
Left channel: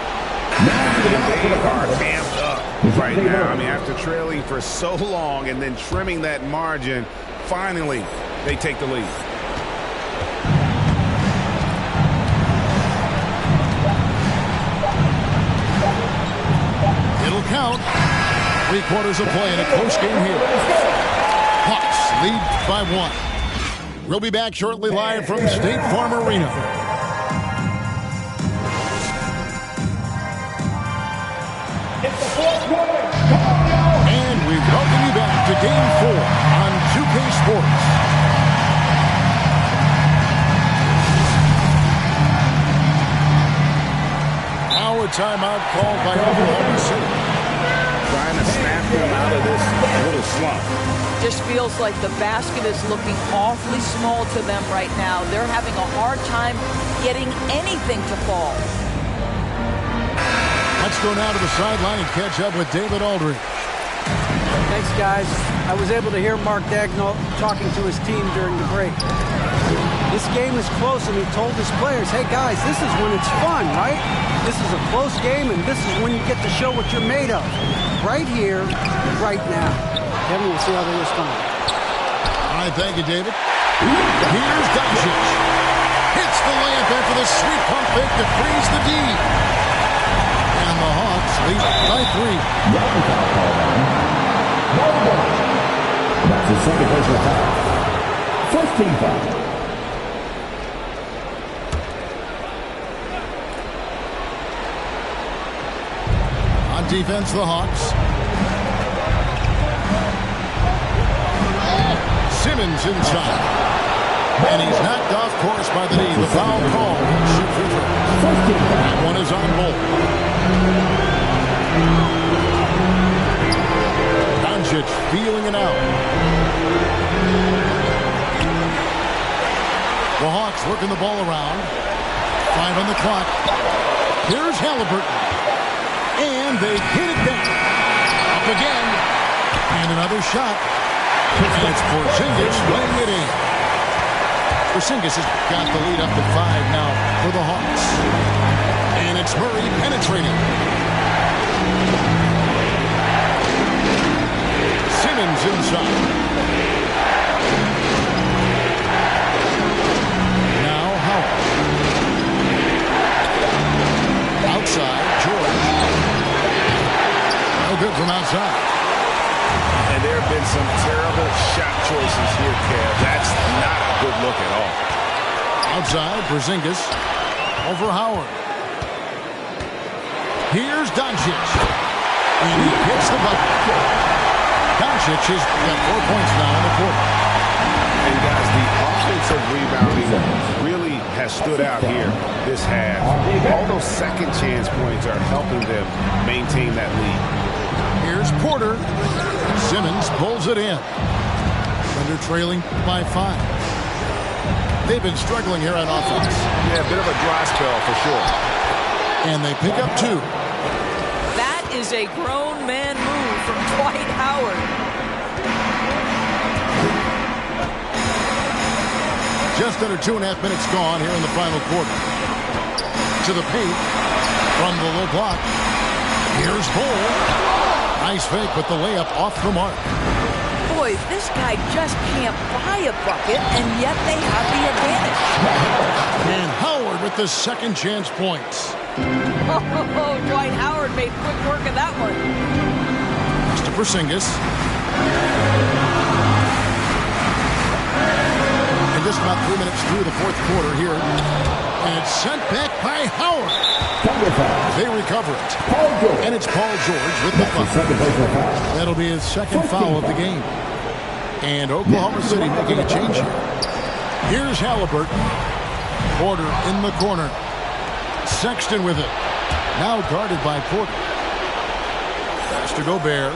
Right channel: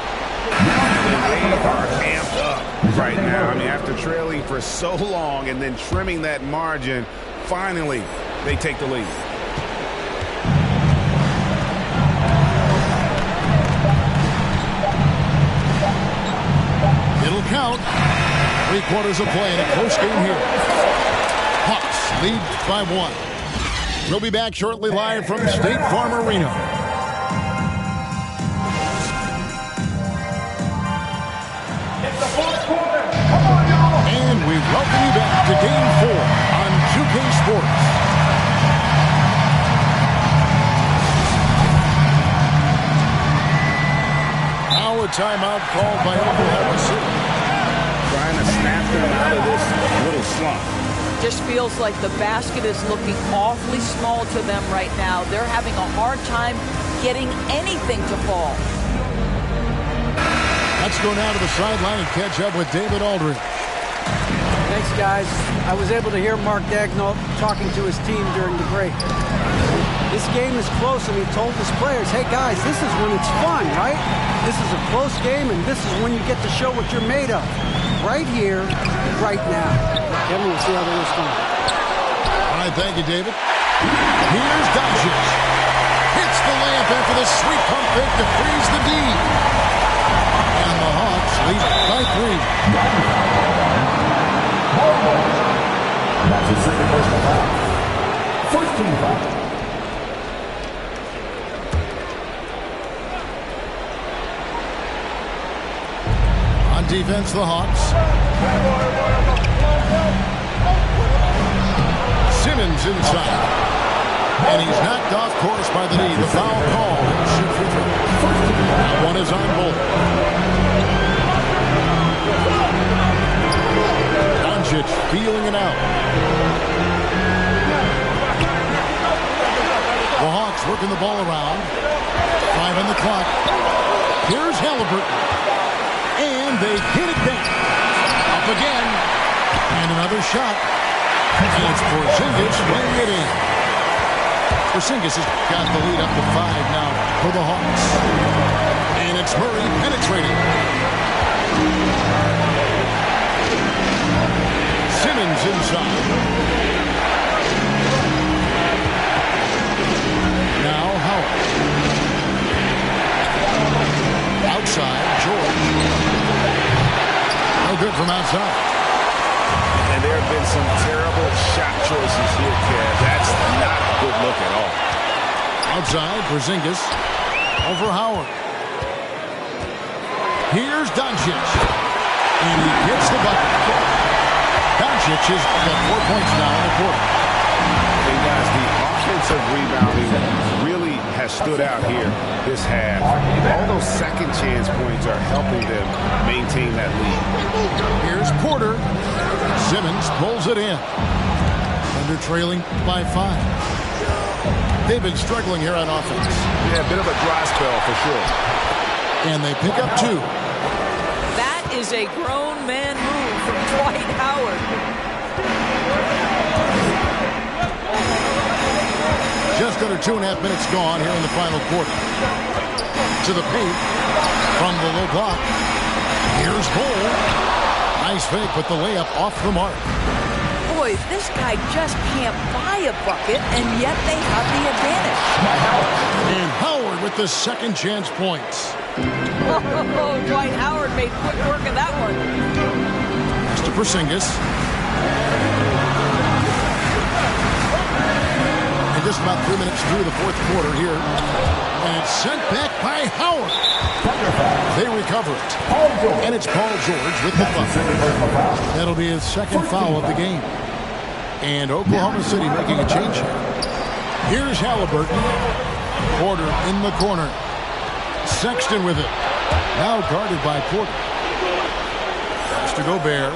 And they are amped up right now. I mean, after trailing for so long and then trimming that margin, finally they take the lead. It'll count. 3 quarters of play in a close game here. Hawks lead by 1. We'll be back shortly live from State Farm Arena. welcome you back to Game 4 on 2K Sports. Now a timeout called by Oklahoma City. Trying to snap them out of this little slump. Just feels like the basket is looking awfully small to them right now. They're having a hard time getting anything to fall. Let's go now to the sideline and catch up with David Aldridge. Thanks, guys. I was able to hear Mark Daigneault talking to his team during the break. This game is close, and he told his players, hey, guys, this is when it's fun, right? This is a close game, and this is when you get to show what you're made of. Right here, right now. Kevin, we'll see how they respond. All right, thank you, David. Here's Doncic. Hits the layup after the sweet pump fake to freeze the D. And the Hawks lead by 3. That's his second personal foul. First team foul. On defense, the Hawks. Simmons inside. And he's knocked off course by the knee. The foul call. He'll shoot free throws. That one is on Bolt. Doncic feeling it out. The Hawks working the ball around. 5 on the clock. Here's Halliburton. And they hit it back. Up again. And another shot. And it's Porzingis laying it in. Porzingis has got the lead up to 5 now for the Hawks. And it's Murray penetrating. Simmons inside. Now Howard. Outside, George. No good from outside. And there have been some terrible shot choices here, Kev. That's not a good look at all. Outside, Porzingis over Howard. Here's Doncic. And he hits the bucket. Doncic has got 4 points now in the quarter. And guys, the offensive rebounding really has stood out here this half. All those second chance points are helping them maintain that lead. Here's Porter. Simmons pulls it in. Thunder trailing by 5. They've been struggling here on offense. Yeah, a bit of a dry spell for sure. And they pick up 2. That is a grown man move from Dwight Howard. Just under 2.5 minutes gone here in the final quarter. To the paint from the low block. Here's Bull. Nice fake, but the layup off the mark. Boy, this guy just can't buy a bucket, and yet they have the advantage. And Howard with the second chance points. Oh, Dwight Howard made quick work of that one. Pass to Porzingis. And just about 3 minutes through the fourth quarter here. And it's sent back by Howard. They recover it. And it's Paul George with the foul. That'll be his second foul of the game. And Oklahoma City making a change here. Here's Halliburton. Porter in the corner. Sexton with it. Now guarded by Porter. Pass to Gobert.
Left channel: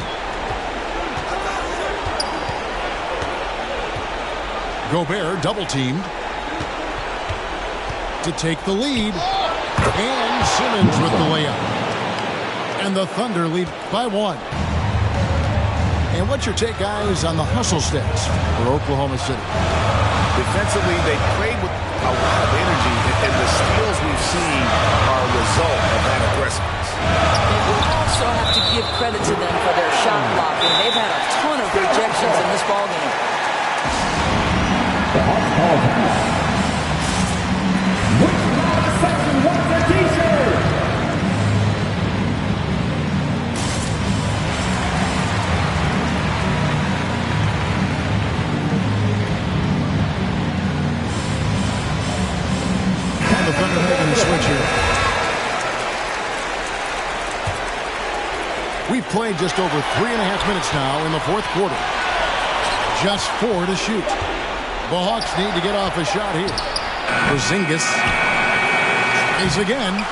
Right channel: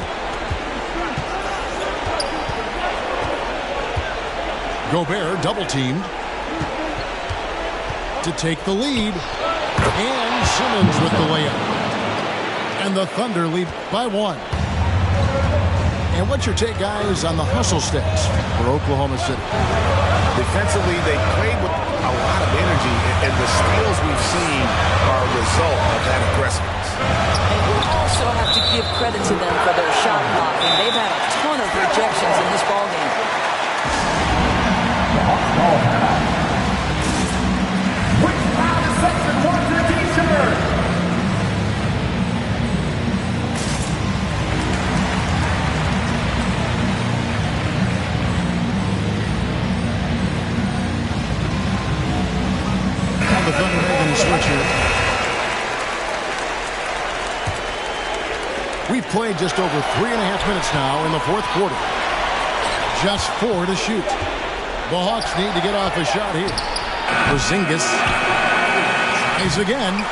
Gobert double teamed to take the lead. And Simmons with the layup. And the Thunder lead by 1. And what's your take, guys, on the hustle stats for Oklahoma City? Defensively, they played with a lot of energy, and the steals we've seen are a result of that aggressiveness. And we also have to give credit to them for their shot blocking. They've had a ton of rejections in this ballgame. The Hawks call a foul. Which round of section wants a t-shirt? And the Thunder making a switch here. We played just over 3.5 minutes now in the fourth quarter. Just 4 to shoot. The Hawks need to get off a shot here. Porzingis tries again.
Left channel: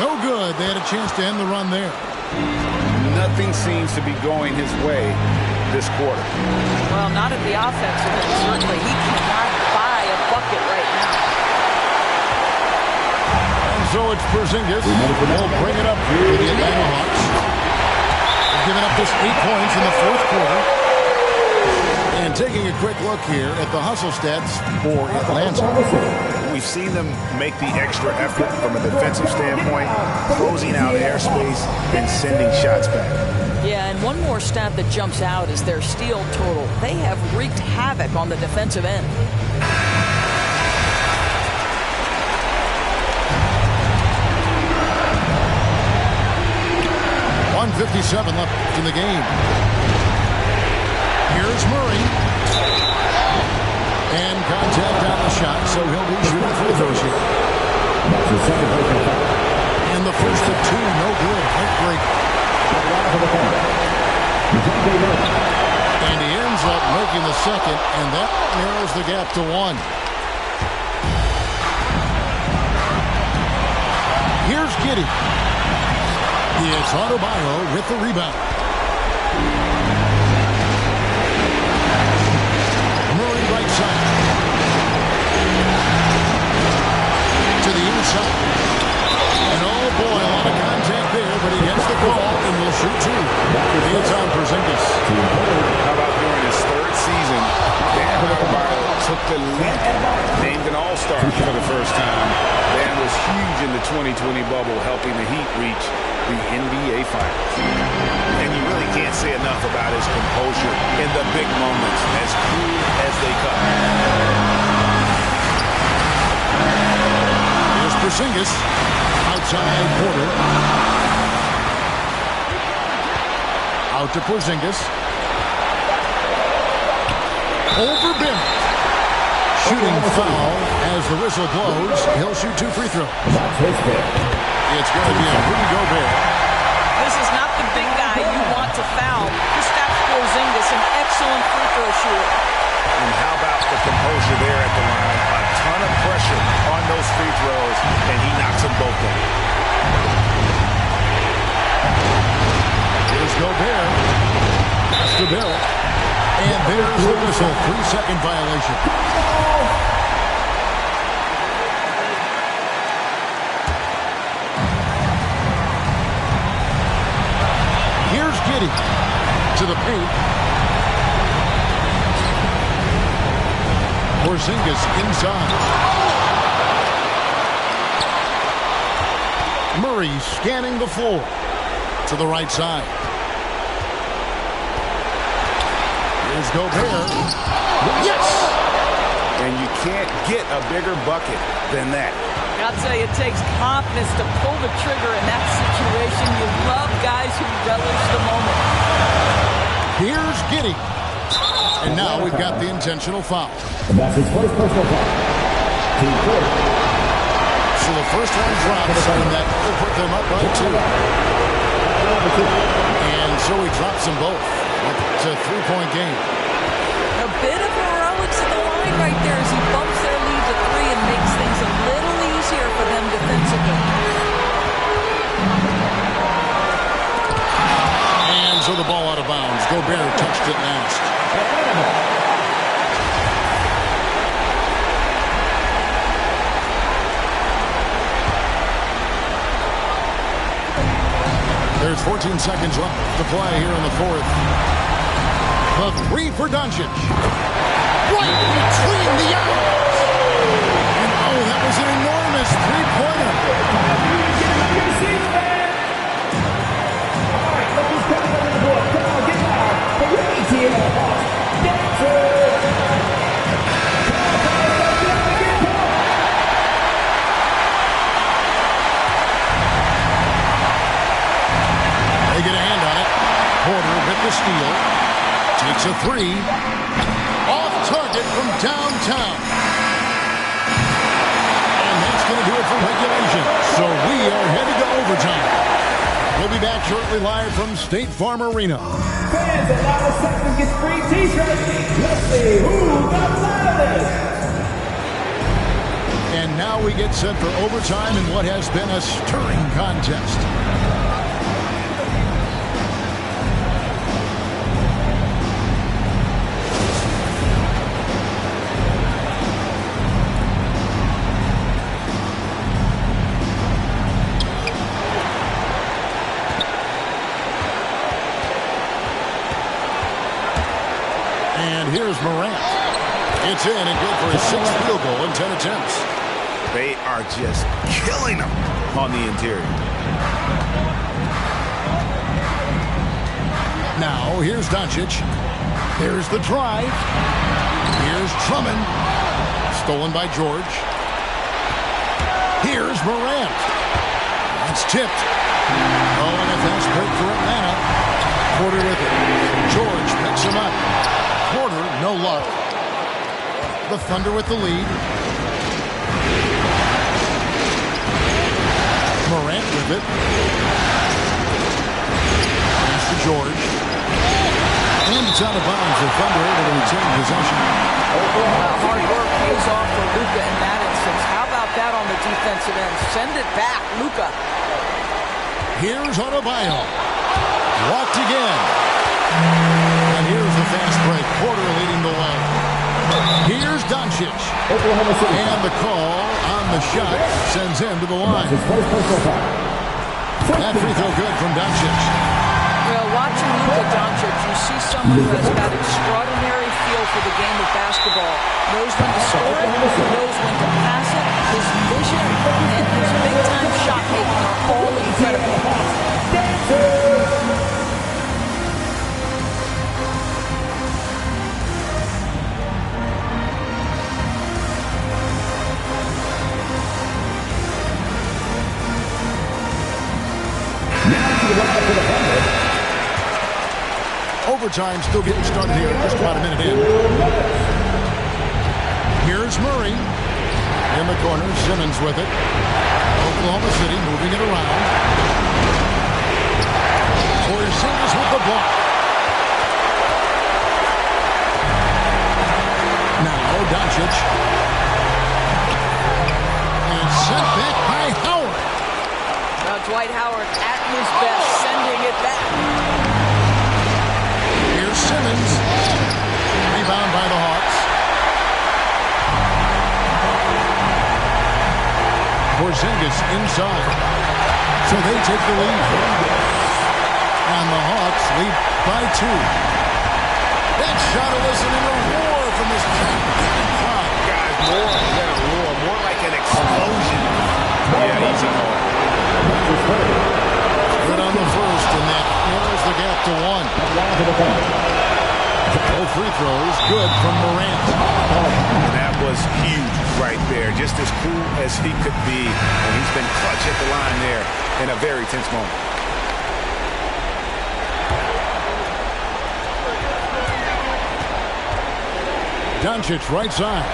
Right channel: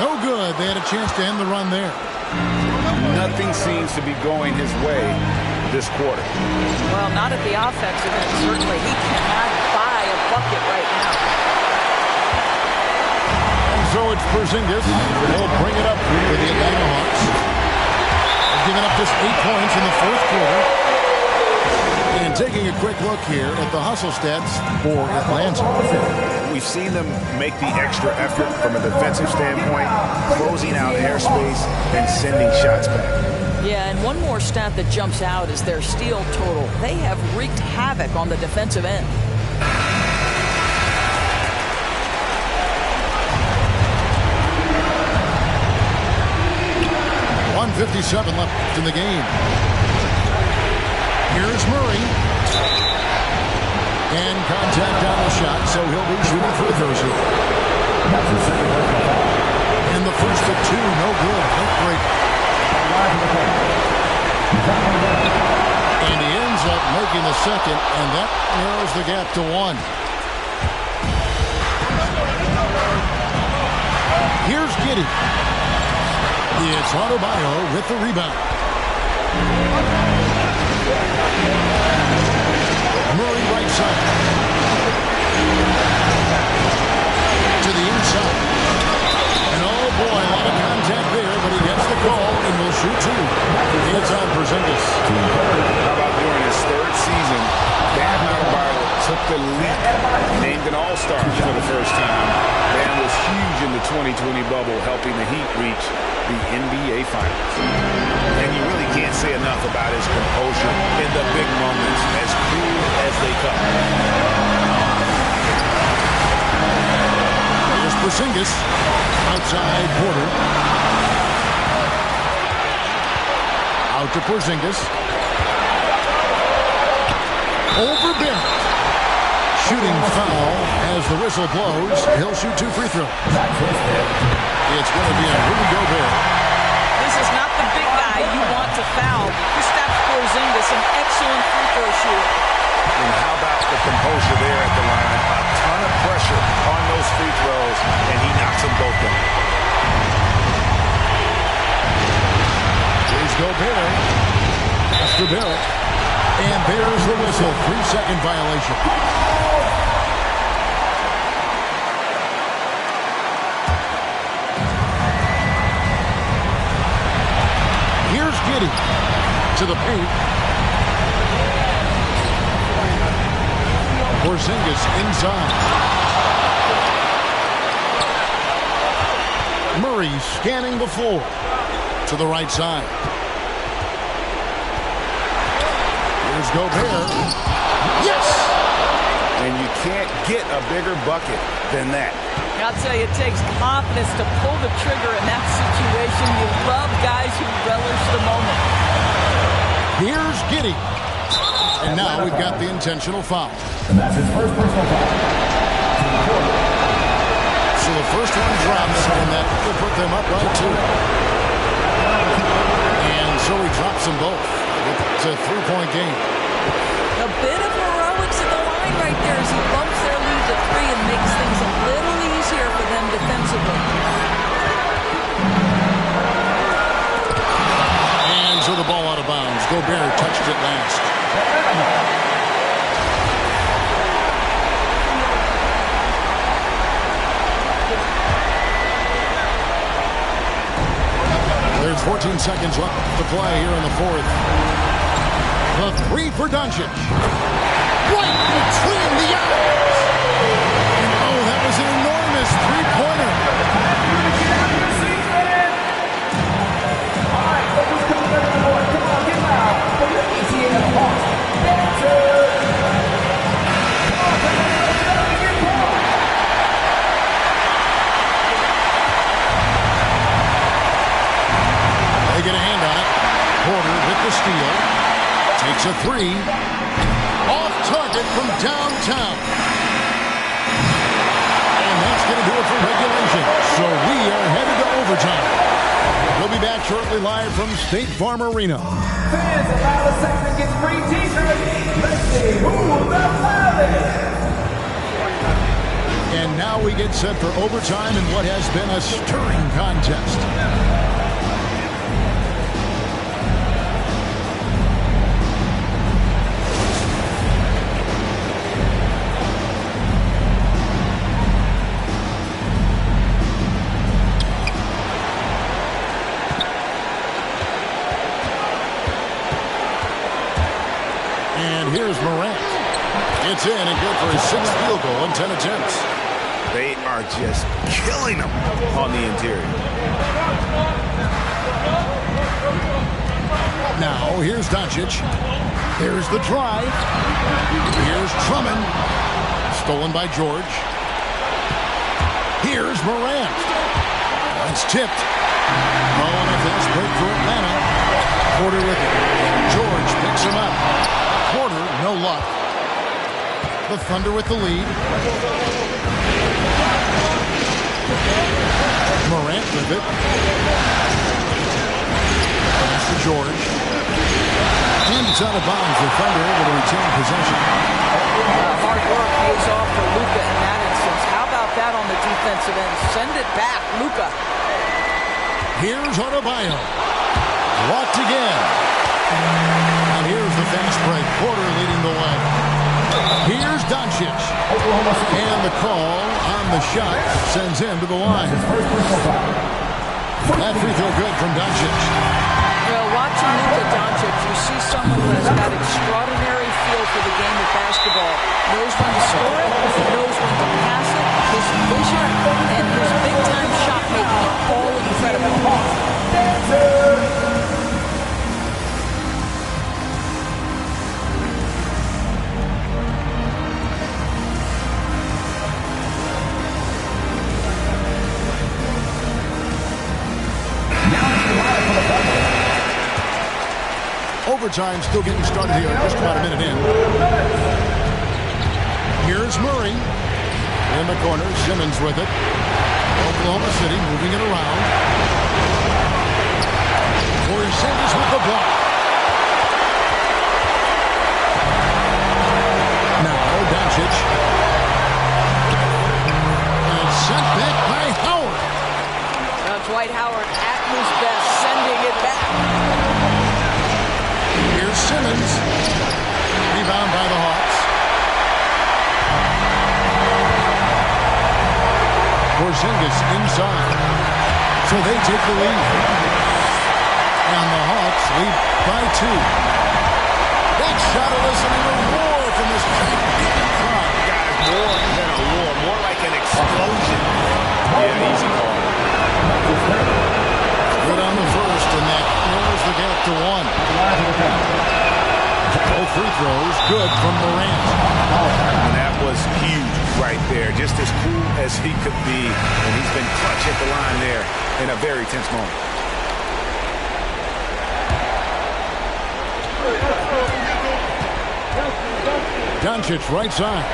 No good. They had a chance to end the run there. Nothing seems to be going his way this quarter. Well, not at the offensive end, certainly. He cannot buy a bucket right now. And so it's Porzingis. He'll bring it up for the Atlanta Hawks. They've given up just 8 points in the fourth quarter. And taking a quick look here at the hustle stats for Atlanta. We've seen them make the extra effort from a defensive standpoint, closing out airspace and sending shots back. Yeah, and one more stat that jumps out is their steal total. They have wreaked havoc on the defensive end. .157 left in the game. Here's Murray. And contact on the shot, so he'll be shooting free throws here. That's his second personal foul. And the first of 2, no good. Heartbreaker. And he ends up making the second, and that narrows the gap to 1. Here's Giddey. It's Adebayo with the rebound. Murray right side. To the inside. And oh boy, a lot of contact there, but he gets the call and will shoot 2. It's on Porzingis. How about during his third season, Bam Adebayo took the lead, named an all-star for the first time. Bam was huge in the 2020 bubble, helping the Heat reach the NBA Finals. And you really can't say enough about his composure in the big moments, as cool as they come. Here's Porzingis. Outside Porter. Out to Porzingis. Over Barrett. Shooting foul as the whistle blows. He'll shoot 2 free throws. It's going to be a Rudy Gobert. This is not the big guy you want to foul. Kristaps Porzingis, an excellent free throw shooter. And how about the composure there at the line? A ton of pressure on those free throws, and he knocks them both down. Here's Gobert. Pass to Barrett. And there's the whistle. 3-second violation. Here's Giddey to the paint. Porzingis inside. Murray scanning the floor to the right side. Here's Gobert. Yes! And you can't get a bigger bucket than that. I'll tell you, it takes confidence to pull the trigger in that situation. You love guys who relish the moment. Here's Giddey. And now we've got the intentional foul. And that's his first personal foul. Team court. So the first one drops, and that will put them up by 2. And so he drops them both. It's a 3-point game. A bit of heroics at the line right there as he bumps their lead to 3 and makes things a little easier for them defensively. And so the ball out of bounds. Gobert touched it last. There's 14 seconds left to play here in the fourth. The 3 for Doncic. Right between the eyes. And oh, that was an enormous 3-pointer. All right, look who's coming up on the board. Come on, get loud for your ATL Hawks dancers. Come on, get up and get pumped. They get a hand on it. Porter with the steal. Takes a 3. Off target from downtown. And that's going to do it for regulation. So we are headed to overtime. We'll be back shortly live from State Farm Arena. Fans, allow the section gets free t-shirts. Let's see who's the loudest. And now we get set for overtime in what has been a stirring contest. And here's Morant. It's in and good for his 6th field goal in 10 attempts. They are just killing them on the interior. Now, here's Doncic. Here's the drive. Here's Drummond. Stolen by George. Here's Morant. That's tipped. Oh, and a fast break for Atlanta. Porter with it. George picks him up. Porter, no luck. The Thunder with the lead. Morant with it. Pass to George. And it's out of bounds. The Thunder able to retain possession. Hard work pays off for Luka in that instance. How about that on the defensive end? Send it back, Luka. Here's Adebayo. Blocked again. And here's the fast break. Porter leading the way. Here's Doncic. And the call on the shot sends him to the line. That free throw good from Doncic. Well, watching Luka Doncic, you see someone who has got extraordinary feel for the game of basketball. Knows when to score it, knows when to pass it. His vision and his big-time shot making are all incredible. Overtime still getting started here. Just about a minute in. Here's Murray. In the corner, Simmons with it. Oklahoma City moving it around. Porzingis with the block. Now Doncic. And sent back by Howard. Now Dwight Howard at his best, sending it back. Here's Simmons. Rebound by the Hawks. Porzingis inside. So they take the lead. And the Hawks lead by 2. That shot eliciting a roar from this gigantic crowd. Guys, more than a roar. More like an explosion. Yeah, easy call. Good on the first, and that narrows the gap to 1. Both free throws good from Morant. And that was huge right there. Just as cool as he could be. And he's been clutch at the line there in a very tense moment. Doncic right side.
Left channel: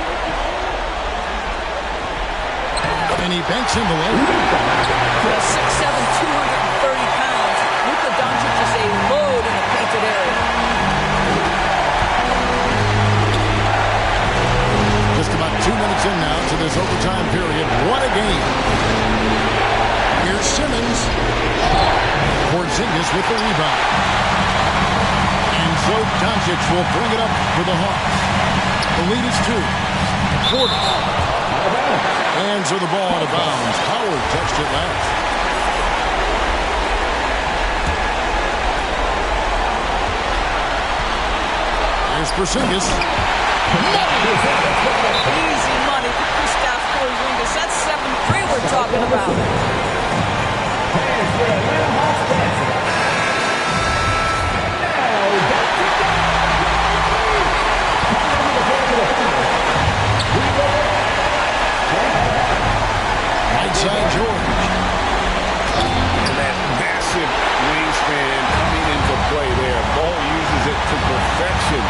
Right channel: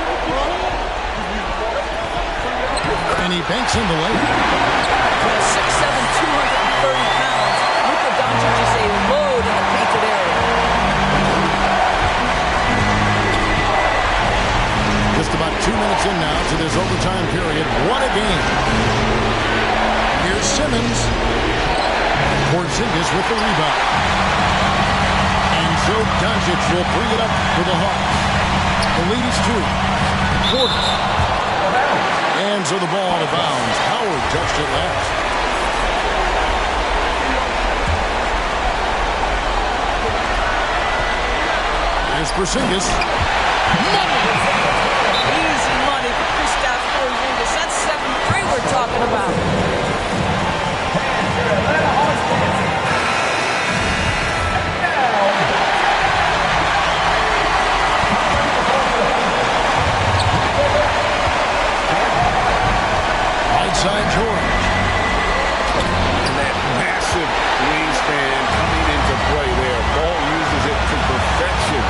And he banks in the lane. 6'7", 230 pounds. Luka Doncic is a load in the painted area. Just about 2 minutes in now to this overtime period. What a game. Here's Simmons. Porzingis with the rebound. And so Doncic will bring it up for the Hawks. The lead is 2. Porter. And so the ball out of bounds. Howard touched it last. Here's Porzingis. Money! Easy money for Kristaps Porzingis. That's 7-3 we're talking about. Fans for Atlanta Hawks dancing. Right side George. And that massive wingspan coming into play there. Ball uses it to perfection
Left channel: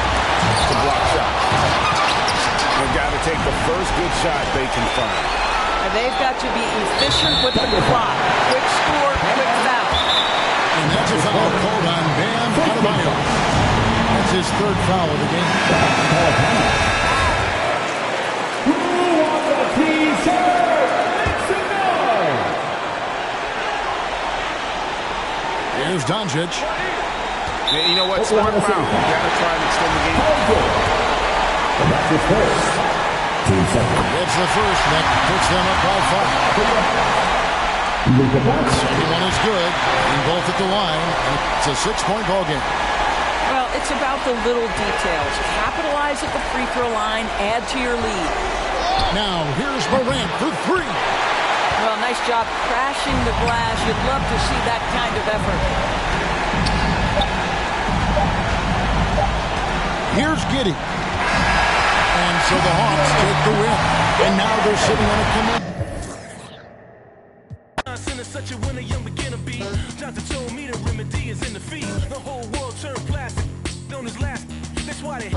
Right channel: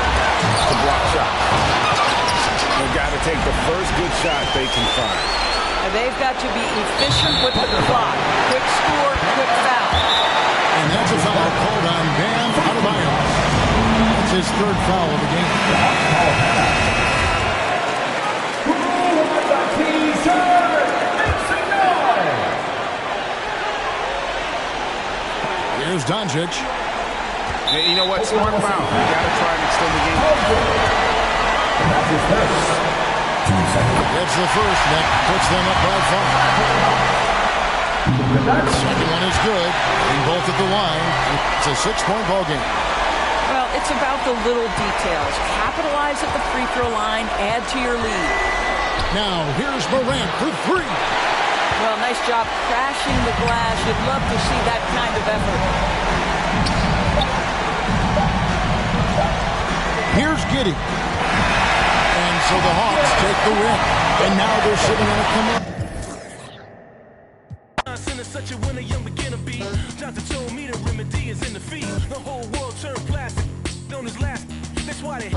to block shots. They've got to take the first good shot they can find. And they've got to be efficient with the clock. Quick score, quick foul. And that's a foul called on Bam Adebayo. That's his third foul of the game. Who wants a t-shirt? Make some noise. Here's Doncic. Yeah, you know what? Smart foul. You got to try and extend the game. And that's his first. 2 seconds. Gets the first, and that puts them up by 5. Second one is good. Hitting both at the line, and it's a 6-point ball game. Well, it's about the little details. Capitalize at the free throw line, add to your lead. Now, here's Morant for 3. Well, nice job crashing the glass. You'd love to see that kind of effort. Here's Giddey. And so the Hawks take the win. And now they're sitting on a command. Such a winner, young beginner be. Johnson told me the remedy is in the feet. The whole world turned plastic. Known as last. That's why they.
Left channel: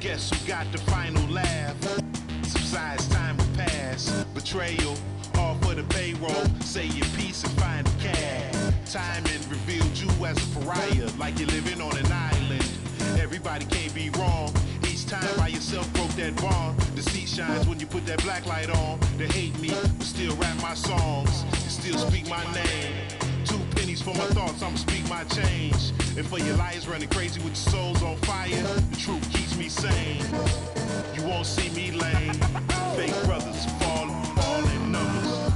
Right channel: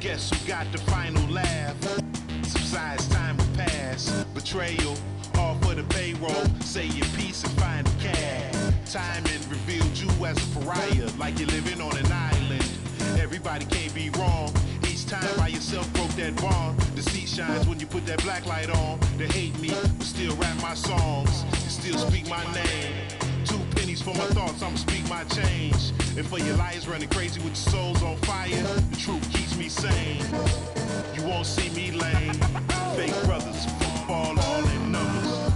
Guess who got the final laugh? Subsides time will pass. Betrayal, all for the payroll. Say your piece and find the cash. Timing revealed you as a pariah, like you're living on an island. Everybody can't be wrong. Each time by yourself broke that bond. The seat shines when you put that black light on. They hate me, but still rap my songs. And still speak my name. 2 pennies for my thoughts, I'ma speak my change. And for your liars running crazy with your souls on fire, the truth keeps me sane. You won't see me lame. Fake brothers fall all in numbers.